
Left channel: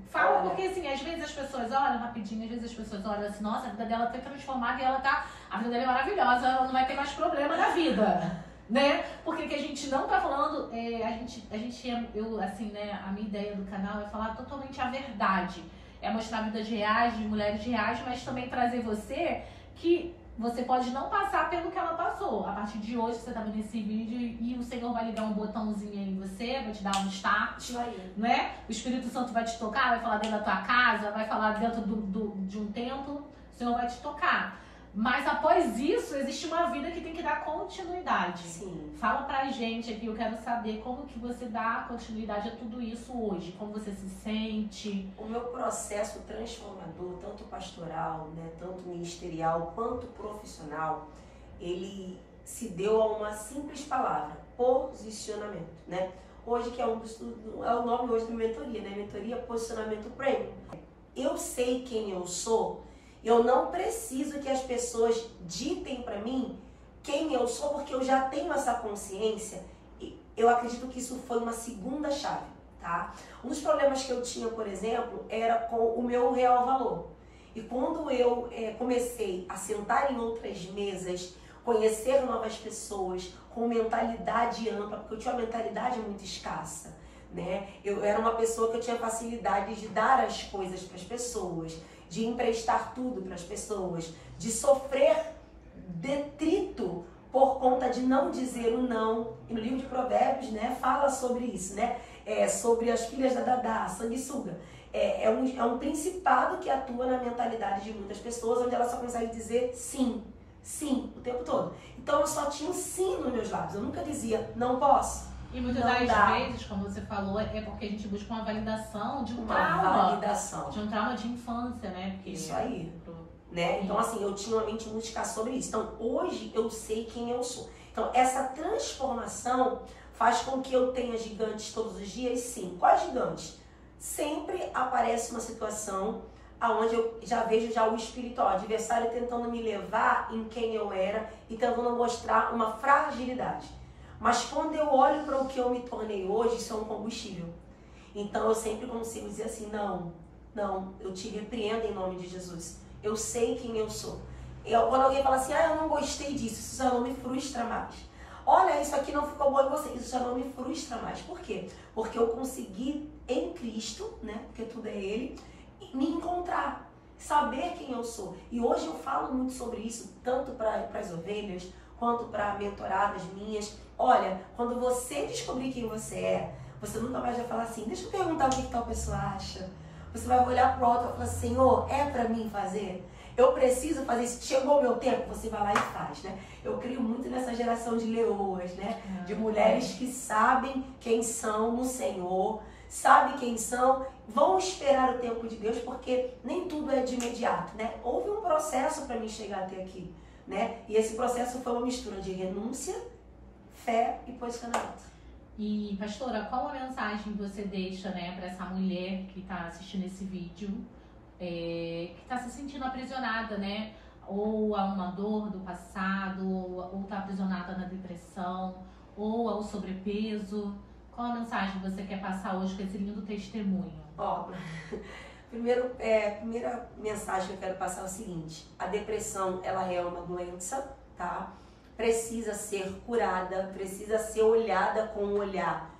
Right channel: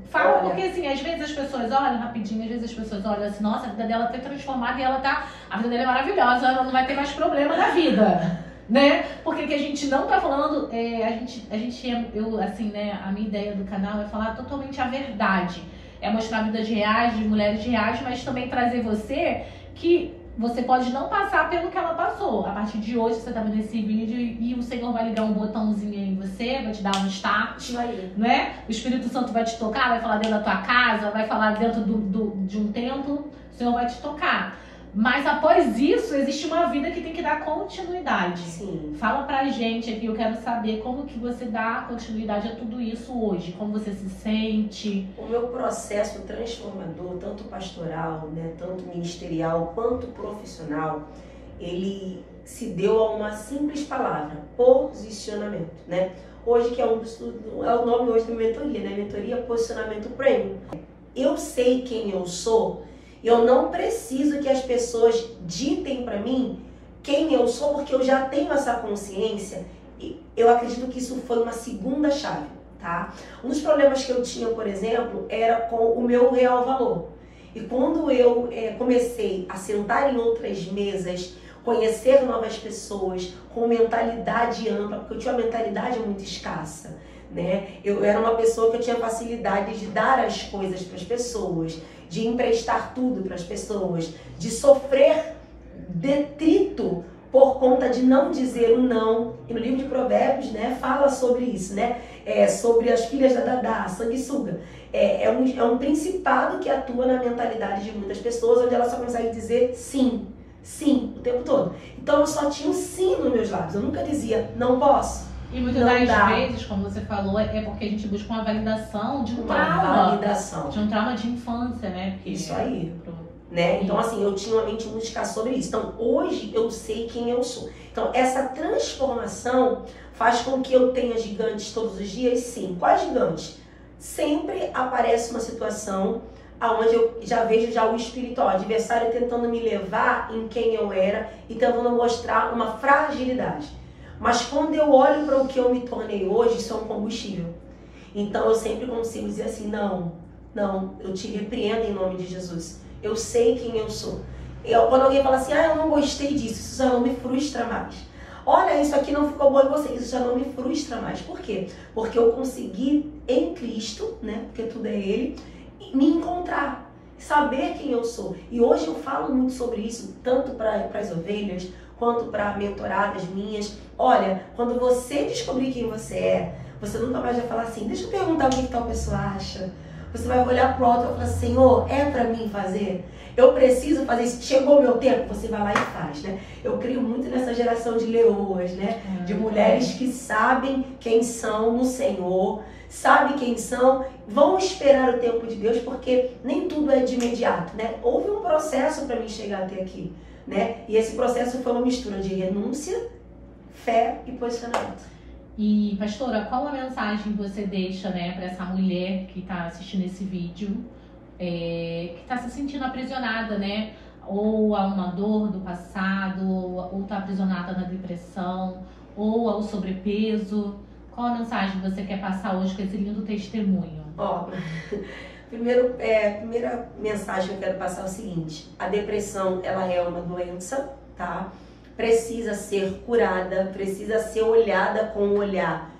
Fala, porque assim, às vezes as pessoas olham rapidinho, às vezes as pessoas olham assim, nossa, a vida dela foi transformada e a vida dela é maravilhosa, ela não vai ter mais problema na vida. Né? Porque que a gente não tá falando, eu assim, né, a minha ideia do canal é falar totalmente a verdade. É mostrar vidas reais, de mulheres reais, mas também trazer você que você pode não passar pelo que ela passou. A partir de hoje, você tá vendo esse vídeo e o Senhor vai ligar um botãozinho aí em você, vai te dar um start, né? O Espírito Santo vai te tocar, vai falar dentro da tua casa, vai falar dentro de um templo, o Senhor vai te tocar. Mas após isso, existe uma vida que tem que dar continuidade. Sim. Fala pra gente aqui, eu quero saber como que você dá continuidade a tudo isso hoje. Como você se sente. O meu processo transformador, tanto pastoral, né, tanto ministerial, quanto profissional, ele se deu a uma simples palavra, posicionamento, né? Hoje, que é o nome hoje da mentoria, né? Mentoria Posicionamento Premium. Eu sei quem eu sou. Eu não preciso que as pessoas ditem para mim quem eu sou, porque eu já tenho essa consciência eu acredito que isso foi uma segunda chave, tá? Um dos problemas que eu tinha, por exemplo, era com o meu real valor. E quando eu comecei a sentar em outras mesas, conhecer novas pessoas com mentalidade ampla, porque eu tinha uma mentalidade muito escassa, né? Eu era uma pessoa que eu tinha facilidade de dar as coisas para as pessoas, de emprestar tudo para as pessoas, de sofrer detrito por conta de não dizer o não. E no livro de Provérbios, né, fala sobre isso, né? Sobre as filhas da Dadá, sanguessuga. É um principado que atua na mentalidade de muitas pessoas, onde ela só consegue dizer sim, sim, o tempo todo. Então eu só tinha um sim nos meus lábios, eu nunca dizia não posso. E muitas das vezes, como você falou, é porque a gente busca uma validação de um trauma. De um trauma de infância, né? Porque isso aí. Né? Então, assim, eu tinha uma mente muito escassa sobre isso. Então, hoje eu sei quem eu sou. Então, essa transformação faz com que eu tenha gigantes todos os dias? Sim. Quais gigantes? Sempre aparece uma situação onde eu já vejo o espiritual, o adversário tentando me levar em quem eu era e tentando mostrar uma fragilidade. Mas quando eu olho para o que eu me tornei hoje, isso é um combustível. Então, eu sempre consigo dizer assim, não, eu te repreendo em nome de Jesus. Eu sei quem eu sou. Quando alguém fala assim, eu não gostei disso, isso já não me frustra mais. Olha, isso aqui não ficou bom em você, isso já não me frustra mais. Por quê? Porque eu consegui em Cristo, né? Porque tudo é Ele, me encontrar, saber quem eu sou. E hoje eu falo muito sobre isso, tanto para as ovelhas, quanto para mentoradas minhas. Olha, quando você descobrir quem você é, você nunca mais vai falar assim, deixa eu perguntar o que tal pessoa acha. Você vai olhar pro alto e vai falar, Senhor, é pra mim fazer? Eu preciso fazer isso. Chegou o meu tempo, você vai lá e faz, né? Eu creio muito nessa geração de leoas, né? De mulheres que sabem quem são no Senhor, sabem quem são, vão esperar o tempo de Deus, porque nem tudo é de imediato, né? Houve um processo para mim chegar até aqui, né? E esse processo foi uma mistura de renúncia, fé e posicionamento. E, pastora, qual a mensagem você deixa, né, para essa mulher que está assistindo esse vídeo, que está se sentindo aprisionada, né, ou a uma dor do passado, ou está aprisionada na depressão, ou ao sobrepeso? Qual a mensagem você quer passar hoje com esse lindo testemunho? Primeira mensagem que eu quero passar é o seguinte: a depressão, ela é uma doença, tá? Precisa ser curada, precisa ser olhada com um olhar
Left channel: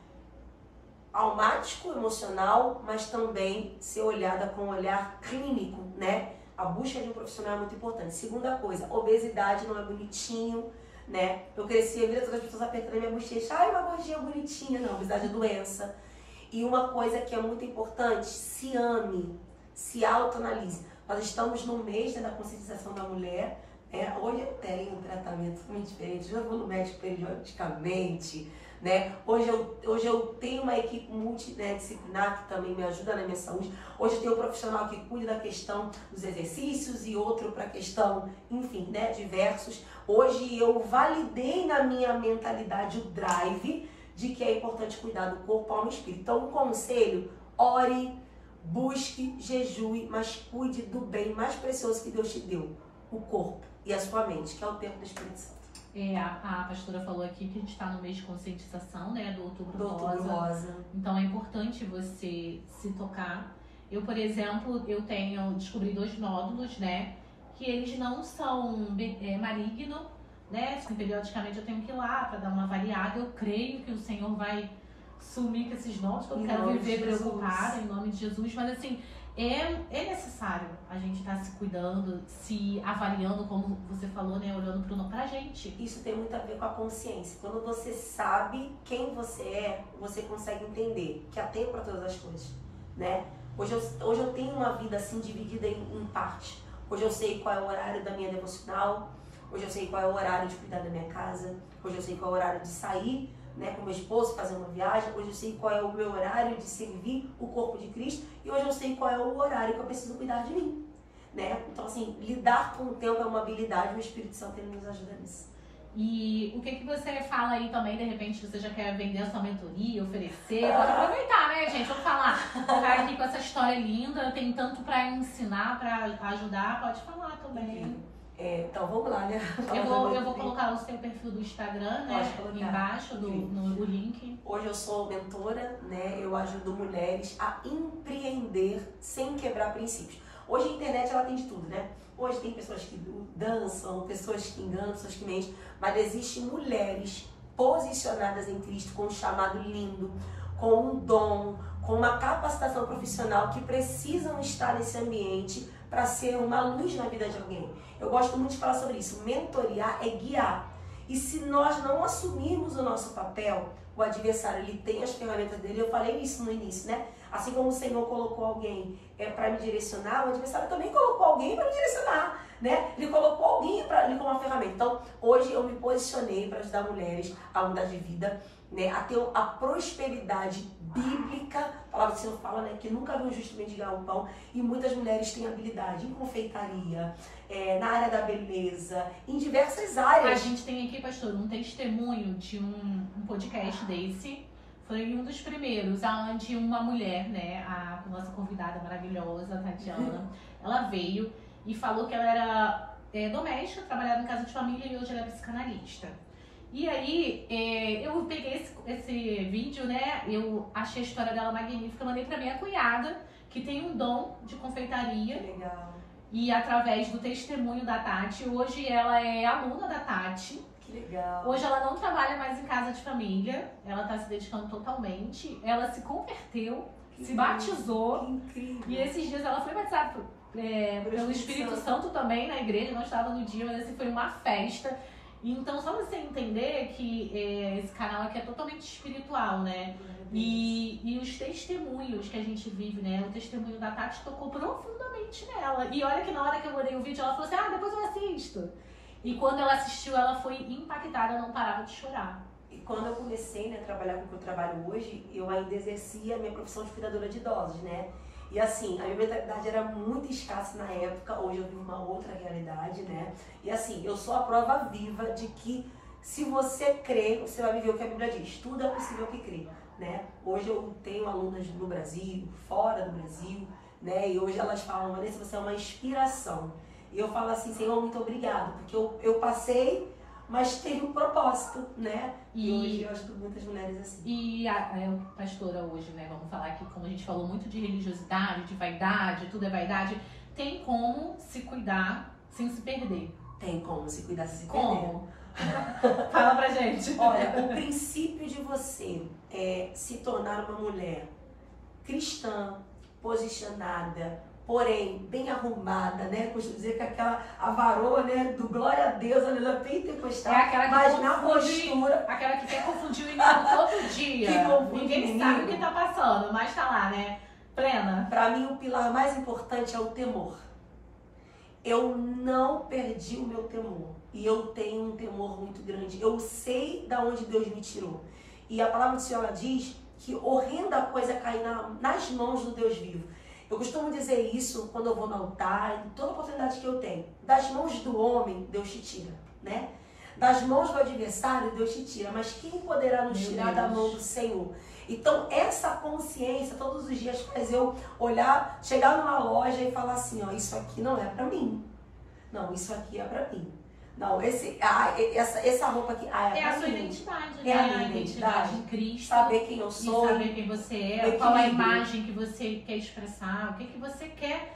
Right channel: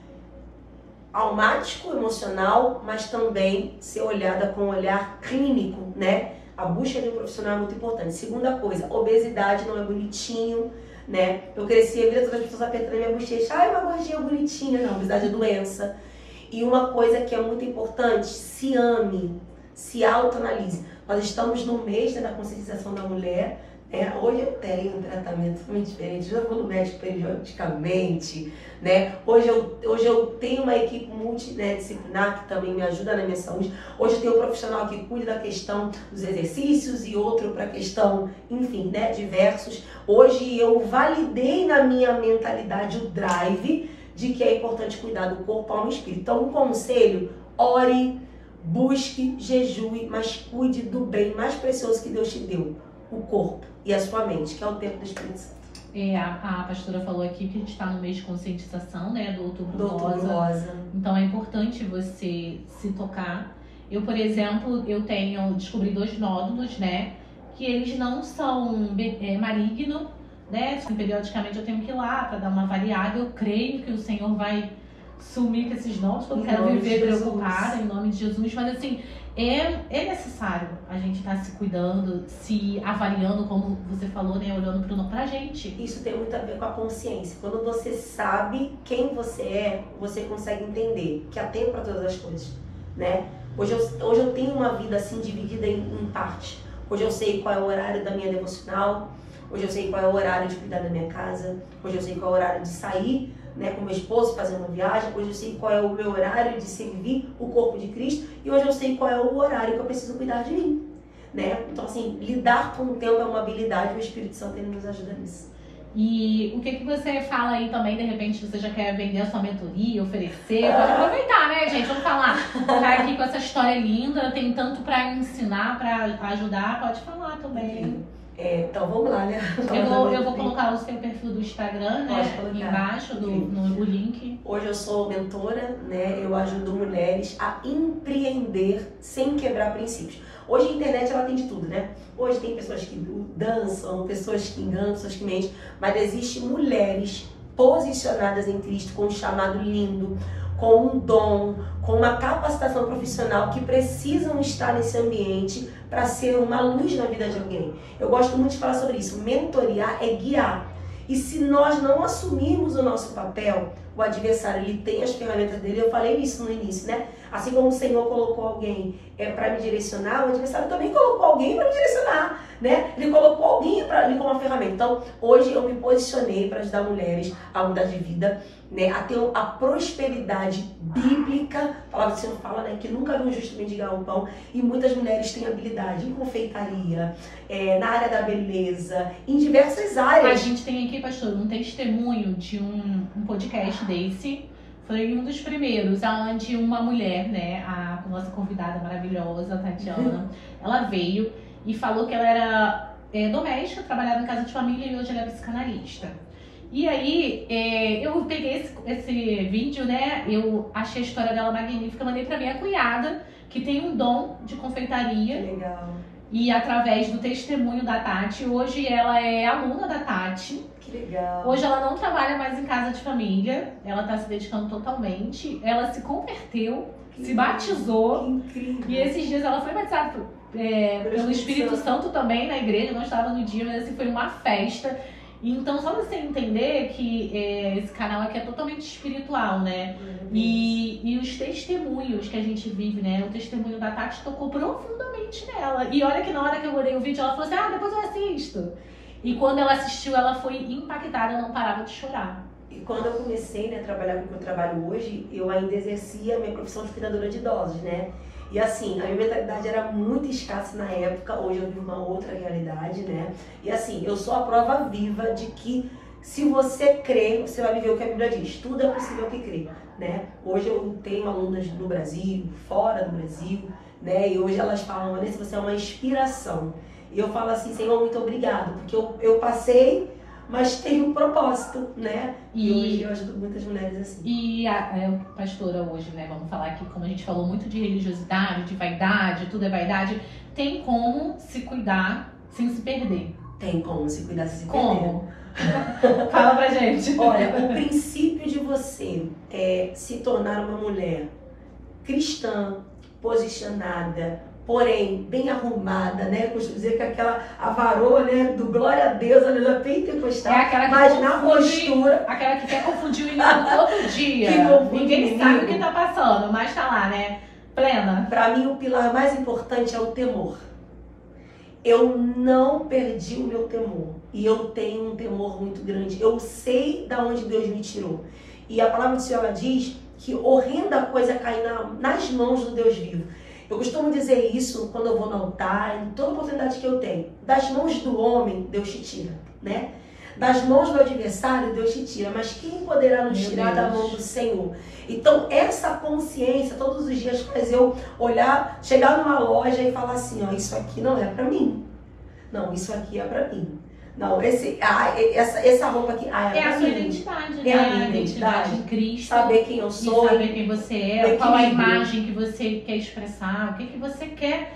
almático, emocional, mas também ser olhada com um olhar clínico, né? A busca de um profissional é muito importante. Segunda coisa, obesidade não é bonitinho, né? Eu cresci a vida toda as pessoas apertando a minha bochecha, uma gordinha bonitinha. Não, obesidade é doença. E uma coisa que é muito importante, se ame, se autoanalise. Nós estamos no mês, né, da conscientização da mulher. Hoje eu tenho um tratamento muito diferente, eu já vou no médico periodicamente, né? Hoje eu tenho uma equipe multidisciplinar que também me ajuda na minha saúde. Hoje eu tenho um profissional que cuida da questão dos exercícios e outro para a questão, enfim, né, diversos. Hoje eu validei na minha mentalidade o drive de que é importante cuidar do corpo, alma e espírito. Então, um conselho: ore, busque, jejue, mas cuide do bem mais precioso que Deus te deu, o corpo e a sua mente, que é o tempo do Espírito Santo. A pastora falou aqui que a gente está no mês de conscientização, né, do Outubro Rosa. Então é importante você se tocar. Eu, por exemplo, descobri 2 nódulos, né, que eles não são malignos, né, periodicamente eu tenho que ir lá para dar uma avaliada. Eu creio que o Senhor vai sumir com esses nódulos, porque eu quero viver preocupada em nome de Jesus, mas assim, é necessário a gente estar se cuidando, se avaliando, como você falou, né, olhando pra gente. Isso tem muito a ver com a consciência. Quando você sabe quem você é, você consegue entender que há tempo para todas as coisas, né? Hoje eu tenho uma vida assim dividida em parte. Hoje eu sei qual é o horário da minha devocional, hoje eu sei qual é o horário de cuidar da minha casa, hoje eu sei qual é o horário de sair, né, com meu esposo, fazer uma viagem. Hoje eu sei qual é o meu horário de servir o corpo de Cristo, e hoje eu sei qual é o horário que eu preciso cuidar de mim, né? Então, assim, lidar com o tempo é uma habilidade, o Espírito Santo, ele nos ajuda nisso. E o que você fala aí também, de repente você já quer vender a sua mentoria, oferecer, pode aproveitar, né, gente? Vamos falar, ficar aqui com essa história linda, tem tanto para ensinar, para ajudar, pode falar também. Então, Então vamos lá, né? Eu vou colocar o seu perfil do Instagram, né? Embaixo no link. Hoje eu sou mentora, né? Eu ajudo mulheres a empreender sem quebrar princípios. Hoje a internet ela tem de tudo, né? Hoje tem pessoas que dançam, pessoas que enganam, pessoas que mentem, mas existem mulheres posicionadas em Cristo com um chamado lindo, com um dom, com uma capacitação profissional que precisam estar nesse ambiente para ser uma luz na vida de alguém. Eu gosto muito de falar sobre isso. Mentorear é guiar. E se nós não assumirmos o nosso papel, o adversário ele tem as ferramentas dele. Eu falei isso no início, né? Assim como o Senhor colocou alguém para me direcionar, o adversário também colocou alguém para me direcionar, né? Ele colocou alguém ali como uma ferramenta. Então, hoje eu me posicionei para ajudar mulheres a mudar de vida, né? A ter a prosperidade bíblica. A palavra do Senhor fala, né? Que nunca viu um justo mendigar o pão. E muitas mulheres têm habilidade em confeitaria, na área da beleza, em diversas áreas. A gente tem aqui, pastor, um testemunho de um podcast desse. Foi um dos primeiros, onde uma mulher, né, a nossa convidada maravilhosa, a Tatiana, ela veio e falou que ela era doméstica, trabalhava em casa de família e hoje ela é psicanalista. E aí, eu peguei esse vídeo, né, eu achei a história dela magnífica, mandei pra minha cunhada, que tem um dom de confeitaria. Legal. E através do testemunho da Tati, hoje ela é aluna da Tati. Legal. Hoje ela não trabalha mais em casa de família, ela está se dedicando totalmente, ela se converteu, se batizou. Que incrível. E esses dias ela foi batizada pelo Espírito Santo também na igreja, não estava no dia, mas assim, foi uma festa. Então só você entender que esse canal aqui é totalmente espiritual, né? E os testemunhos que a gente vive, né? O testemunho da Tati tocou profundamente nela. E olha que na hora que eu olhei o vídeo, ela falou assim, depois eu assisto. E quando ela assistiu, ela foi impactada, não parava de chorar. E quando eu comecei, né, a trabalhar com o que eu trabalho hoje, eu ainda exercia a minha profissão de cuidadora de idosos, né? E assim, a minha mentalidade era muito escassa na época, hoje eu vivo uma outra realidade, né? E assim, eu sou a prova viva de que se você crê, você vai viver o que a Bíblia diz. Tudo é possível que crê, né? Hoje eu tenho alunas no Brasil, fora do Brasil, né? E hoje elas falam, Vanessa, você é uma inspiração. E eu falo assim, Senhor, muito obrigado, porque eu passei, mas tem um propósito, né? E hoje eu ajudo muitas mulheres assim. E a pastora hoje, né, vamos falar aqui, como a gente falou muito de religiosidade, de vaidade, tudo é vaidade, tem como se cuidar sem se perder. Tem como se cuidar sem se como? Perder. Fala pra gente. Olha, o princípio de você se tornar uma mulher cristã, posicionada, porém, bem arrumada, né? Costumo dizer que a varoa, né? Do glória a Deus, aleluia, pentecostal. Aquela que mas na postura. Aquela que quer confundir o inimigo todo dia. Ninguém sabe o que tá passando, mas tá lá, né? Plena. Pra mim, o pilar mais importante é o temor. Eu não perdi o meu temor. E eu tenho um temor muito grande. Eu sei da onde Deus me tirou. E a palavra do Senhor ela diz que horrenda coisa é cair nas mãos do Deus vivo. Eu costumo dizer isso quando eu vou no altar, em toda oportunidade que eu tenho. Das mãos do homem, Deus te tira, né? Das mãos do adversário, Deus te tira. Mas quem poderá nos tirar da mão do Senhor? Então, essa consciência, todos os dias, faz eu olhar, chegar numa loja e falar assim, ó, isso aqui não é pra mim. Não, isso aqui é pra mim. Não, essa roupa aqui, é a sua identidade, né? É a minha identidade de Cristo. Saber quem eu sou. Saber quem você é, qual a imagem que você quer expressar, o que você quer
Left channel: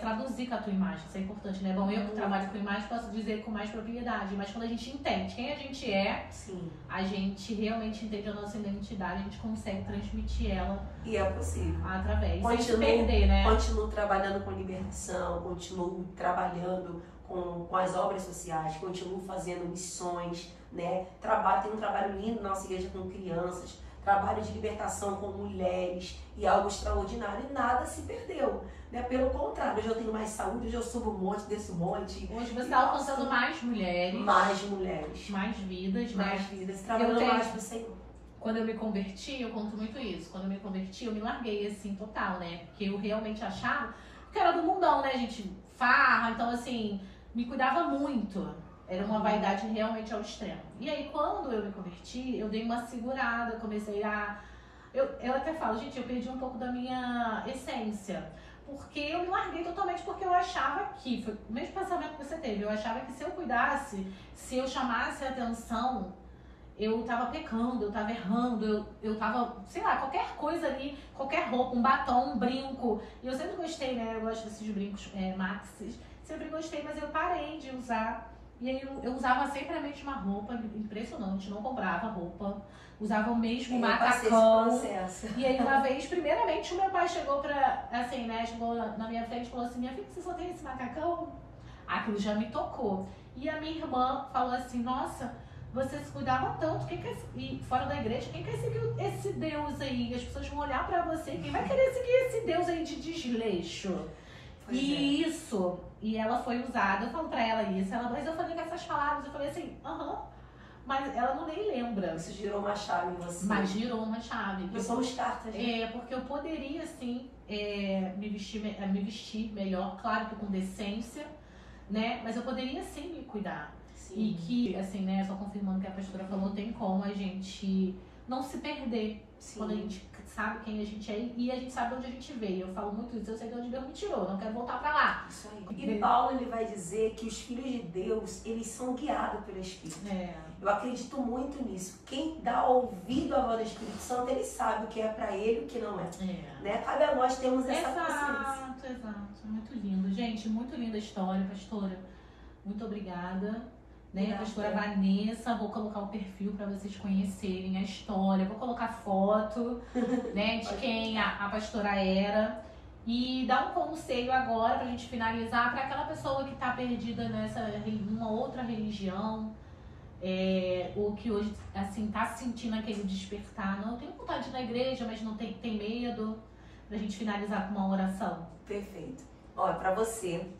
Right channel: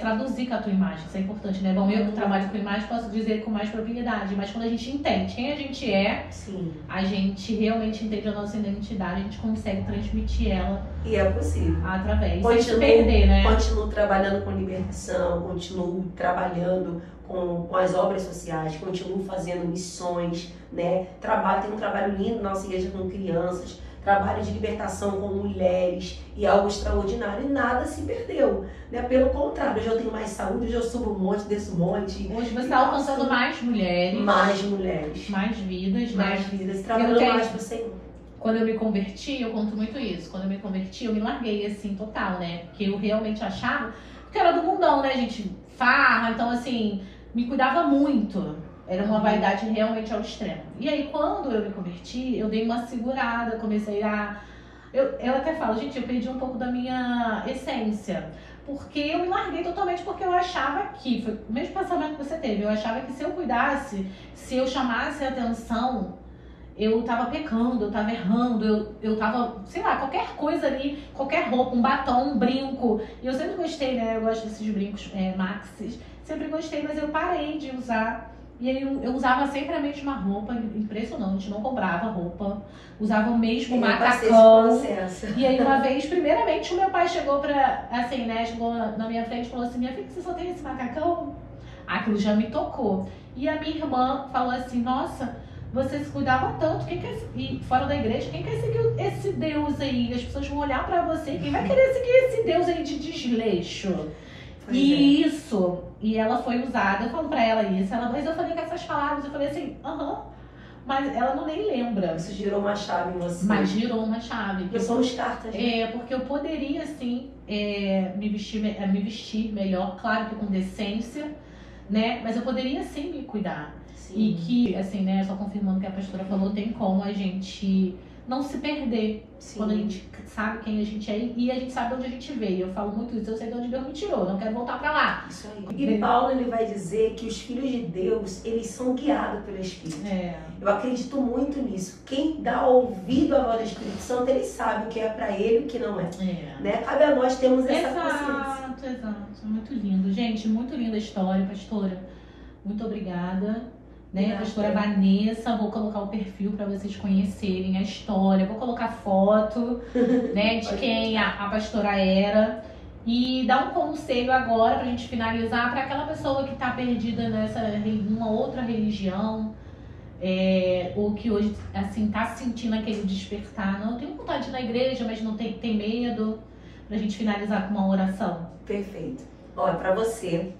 traduzir com a tua imagem. Isso é importante, né? Bom, eu que trabalho com imagem posso dizer com mais propriedade, mas quando a gente entende quem a gente é, sim, a gente realmente entende a nossa identidade, a gente consegue transmitir ela. E é possível. Através. Sem se perder, né? Continuo trabalhando com libertação, continuo trabalhando com as obras sociais, continuo fazendo missões, né? Tenho um trabalho lindo na nossa igreja com crianças, trabalho de libertação com mulheres e algo extraordinário, e nada se perdeu, né? Pelo contrário, hoje eu tenho mais saúde, hoje eu subo um monte, desço um monte. Hoje você está alcançando mais mulheres. Mais mulheres. Mais vidas, né? Mais vidas, trabalhando mais pro Senhor. Quando eu me converti, eu conto muito isso, quando eu me converti, eu me larguei assim, total, né? Porque eu realmente achava que era do mundão, né, gente? Farra, então assim, me cuidava muito. Era uma vaidade realmente ao extremo. E aí, quando eu me converti, eu dei uma segurada, comecei a... Eu até falo, gente, eu perdi um pouco da minha essência. porque eu me larguei totalmente, porque eu achava que, foi o mesmo pensamento que você teve, eu achava que se eu cuidasse, se eu chamasse a atenção, eu tava pecando, eu tava errando, eu tava, sei lá, qualquer coisa ali, qualquer roupa, um batom, um brinco. E eu sempre gostei, né? Eu gosto desses brincos maxis. Sempre gostei, mas eu parei de usar. E aí eu usava sempre a mesma roupa, impressionante, não comprava roupa. Usava o mesmo macacão. E aí uma vez, primeiramente, o meu pai chegou pra, assim, né? Chegou na minha frente e falou assim, minha filha, você só tem esse macacão? Aquilo já me tocou. E a minha irmã falou assim, nossa, você se cuidava tanto, quem quer ir fora da igreja, quem quer seguir esse Deus aí? As pessoas vão olhar pra você, quem vai querer seguir esse Deus aí de desleixo? Isso, e ela foi usada, eu falo pra ela isso, mas eu falei com essas palavras, eu falei assim, mas ela não nem lembra. Isso girou uma chave em você. Mas girou uma chave. Eu sou os cartas, né? Porque eu poderia, sim, me vestir melhor, claro que com decência, né? Mas eu poderia, sim, me cuidar. Sim. E que, assim, né, só confirmando o que a pastora falou, tem como a gente não se perder. Sim. Quando a gente sabe quem a gente é e a gente sabe de onde a gente veio. Eu falo muito isso, eu sei de onde Deus me tirou, não quero voltar pra lá. Isso aí. E Paulo, ele vai dizer que os filhos de Deus, eles são guiados pelo Espírito. Eu acredito muito nisso. Quem dá ouvido à voz do Espírito Santo, ele sabe o que é pra ele e o que não é. Né? Cabe a nós termos essa consciência. Exato. Muito lindo. Gente, muito linda a história, pastora. Muito obrigada. Né, pastora Vanessa, vou colocar o perfil para vocês conhecerem a história, vou colocar foto, né, de quem a pastora era, e dar um conselho agora pra gente finalizar para aquela pessoa que tá perdida numa outra religião, ou que hoje assim tá sentindo aquele despertar, não tem vontade de ir na igreja, mas não tem medo, pra gente finalizar com uma oração. Perfeito. Olha, para você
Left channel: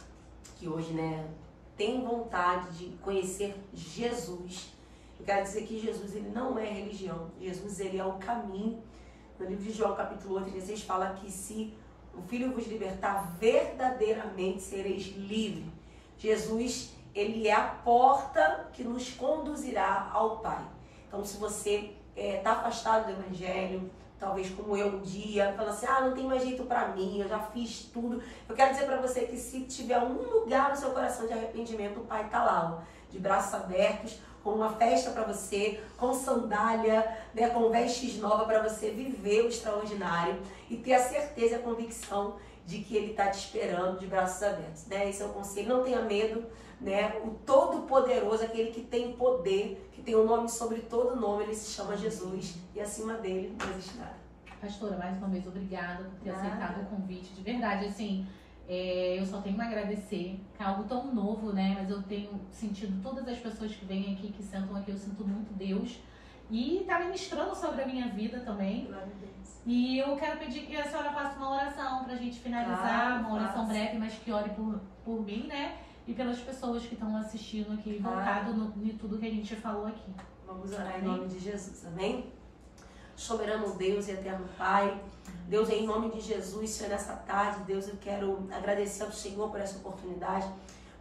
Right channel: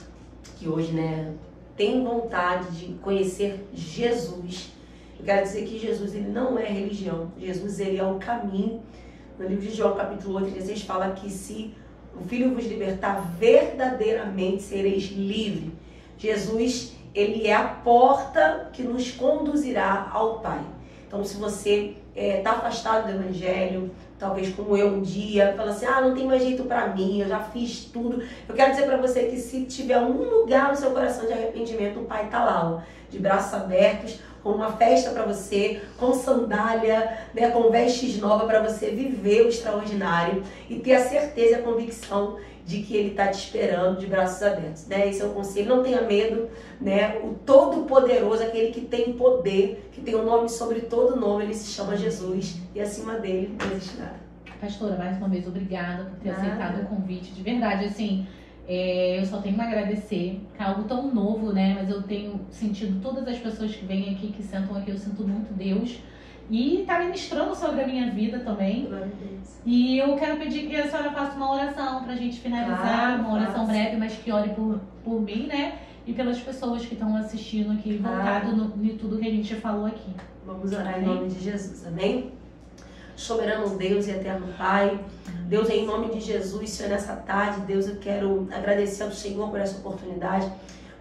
que hoje, né, tem vontade de conhecer Jesus, eu quero dizer que Jesus, ele não é religião. Jesus, ele é o caminho. No livro de João, capítulo 8, 16, fala que se o Filho vos libertar, verdadeiramente sereis livres. Jesus, ele é a porta que nos conduzirá ao Pai. Então, se você está afastado do Evangelho, talvez como eu um dia, fala assim, não tem mais jeito pra mim, eu já fiz tudo. Eu quero dizer pra você que se tiver um lugar no seu coração de arrependimento, o Pai tá lá, ó, de braços abertos, com uma festa pra você, com sandália, né, com vestes novas pra você viver o extraordinário e ter a certeza e a convicção de que Ele tá te esperando de braços abertos, né? Esse é o conselho, não tenha medo, né? O Todo-Poderoso, aquele que tem poder, que tem um nome sobre todo nome, ele se chama Jesus e acima dele não existe nada. Pastora, mais uma vez, obrigada por ter aceitado o convite, de verdade, assim, eu só tenho a agradecer, que é algo tão novo, né? Mas eu tenho sentido todas as pessoas que vêm aqui, que sentam aqui, eu sinto muito Deus. E tá ministrando sobre a minha vida também. E eu quero pedir que a senhora faça uma oração pra gente finalizar, uma oração breve, mas que ore por mim, né? E pelas pessoas que estão assistindo aqui, voltado em tudo que a gente falou aqui. Vamos orar em nome de Jesus, amém? Soberano Deus e eterno Pai, Deus, em nome de Jesus, Senhor, nessa tarde, Deus, eu quero agradecer ao Senhor por essa oportunidade.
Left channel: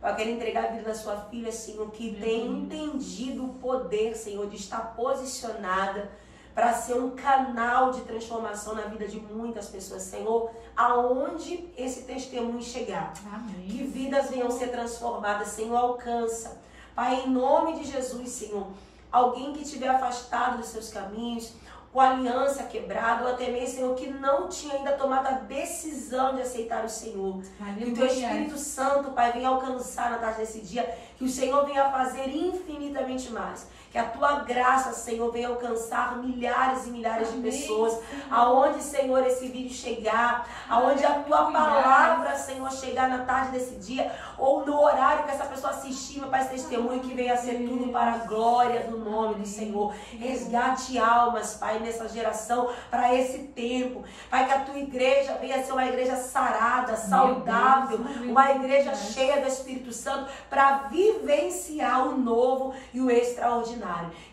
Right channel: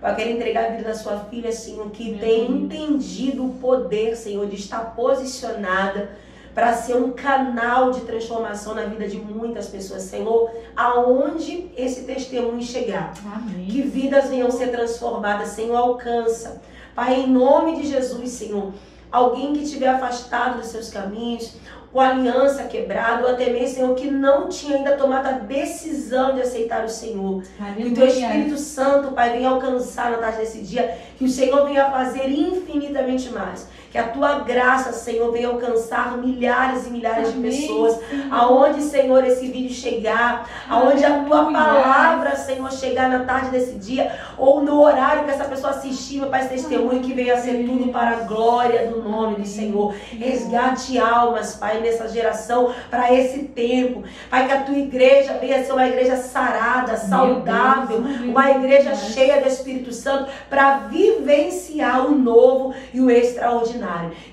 Eu quero entregar a vida da sua filha, Senhor, que tem entendido o poder, Senhor, de estar posicionada para ser um canal de transformação na vida de muitas pessoas, Senhor, aonde esse testemunho chegar. Amém. Que vidas venham ser transformadas, Senhor, alcança. Pai, em nome de Jesus, Senhor, alguém que estiver afastado dos seus caminhos, com a aliança quebrada, ou até mesmo, Senhor, que não tinha ainda tomado a decisão de aceitar o Senhor. Que o Teu Espírito Santo, Pai, venha alcançar na tarde desse dia, que o Senhor venha fazer infinitamente mais. Que a Tua graça, Senhor, venha alcançar milhares e milhares de pessoas. Aonde, Senhor, esse vídeo chegar, aonde a Tua palavra, Senhor, chegar na tarde desse dia, ou no horário que essa pessoa assistir, meu Pai, esse testemunho, que venha ser tudo para a glória do nome do Senhor. Resgate almas, Pai, nessa geração, para esse tempo. Pai, que a Tua igreja venha ser uma igreja sarada, saudável, uma igreja cheia do Espírito Santo, para vivenciar o novo e o extraordinário.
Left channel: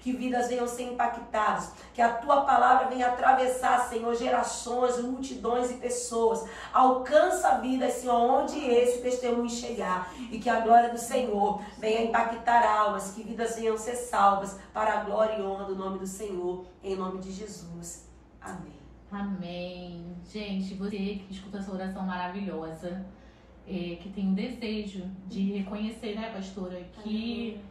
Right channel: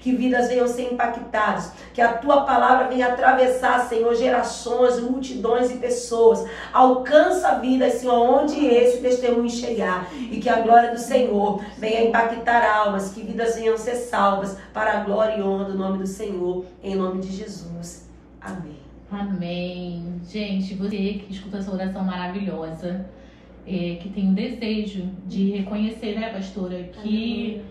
Que vidas venham ser impactadas, que a Tua palavra venha atravessar, Senhor, gerações, multidões e pessoas. Alcança a vida, Senhor, onde esse testemunho chegar, e que a glória do Senhor venha impactar almas, que vidas venham ser salvas para a glória e honra do nome do Senhor, em nome de Jesus. Amém. Amém. Gente, você que escuta essa oração maravilhosa, que tem um desejo de reconhecer, né, pastora, que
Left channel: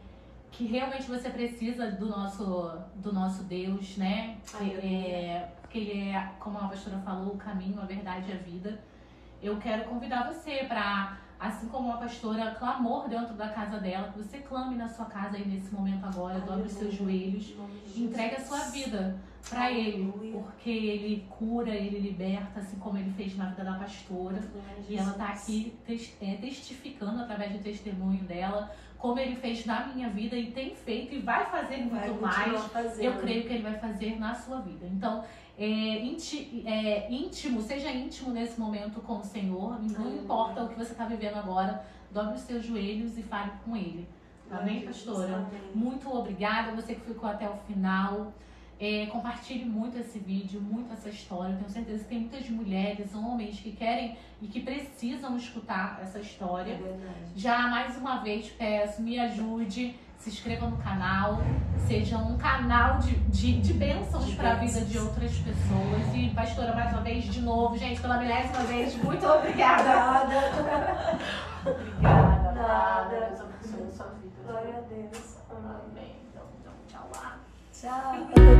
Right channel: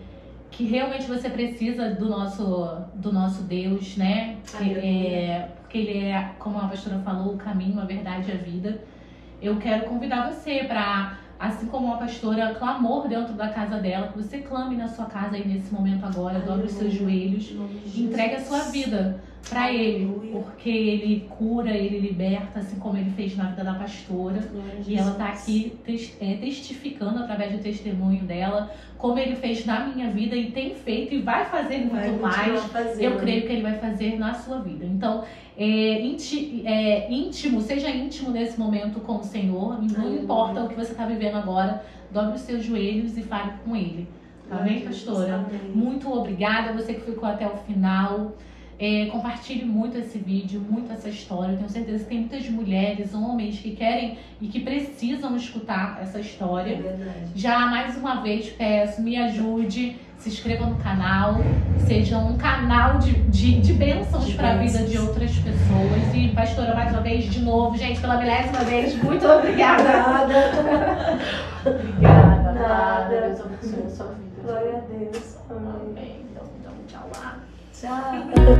realmente você precisa do nosso Deus, né? Porque Ele é, como a pastora falou, o caminho, a verdade e a vida. Eu quero convidar você para, assim como a pastora clamou dentro da casa dela, que você clame na sua casa aí nesse momento agora, dobre os seus joelhos, entregue a sua vida para Ele, porque Ele cura, Ele liberta, assim como Ele fez na vida da pastora. E ela está aqui testificando através do testemunho dela, como Ele fez na minha vida e tem feito e vai fazer muito mais. Eu creio que Ele vai fazer na sua vida. Então, íntimo, seja íntimo nesse momento com o Senhor, não importa o que você está vivendo agora, dobre os seus joelhos e fale com Ele. Amém, pastora? Amém. Muito obrigada, você que ficou até o final. Compartilhe muito esse vídeo, muito essa história. Eu tenho certeza que tem muitas mulheres, homens que querem e que precisam escutar essa história. É verdade. Já mais uma vez peço, me ajude, se inscreva no canal, seja um canal de bênçãos para a vida de outras pessoas. E pastora, mais uma vez, de novo, gente, pela 10ª vez, muito obrigada. Obrigada. Nada. Deus abençoe a sua vida. Glória a Deus. Amém. Então, tchau lá. Tchau.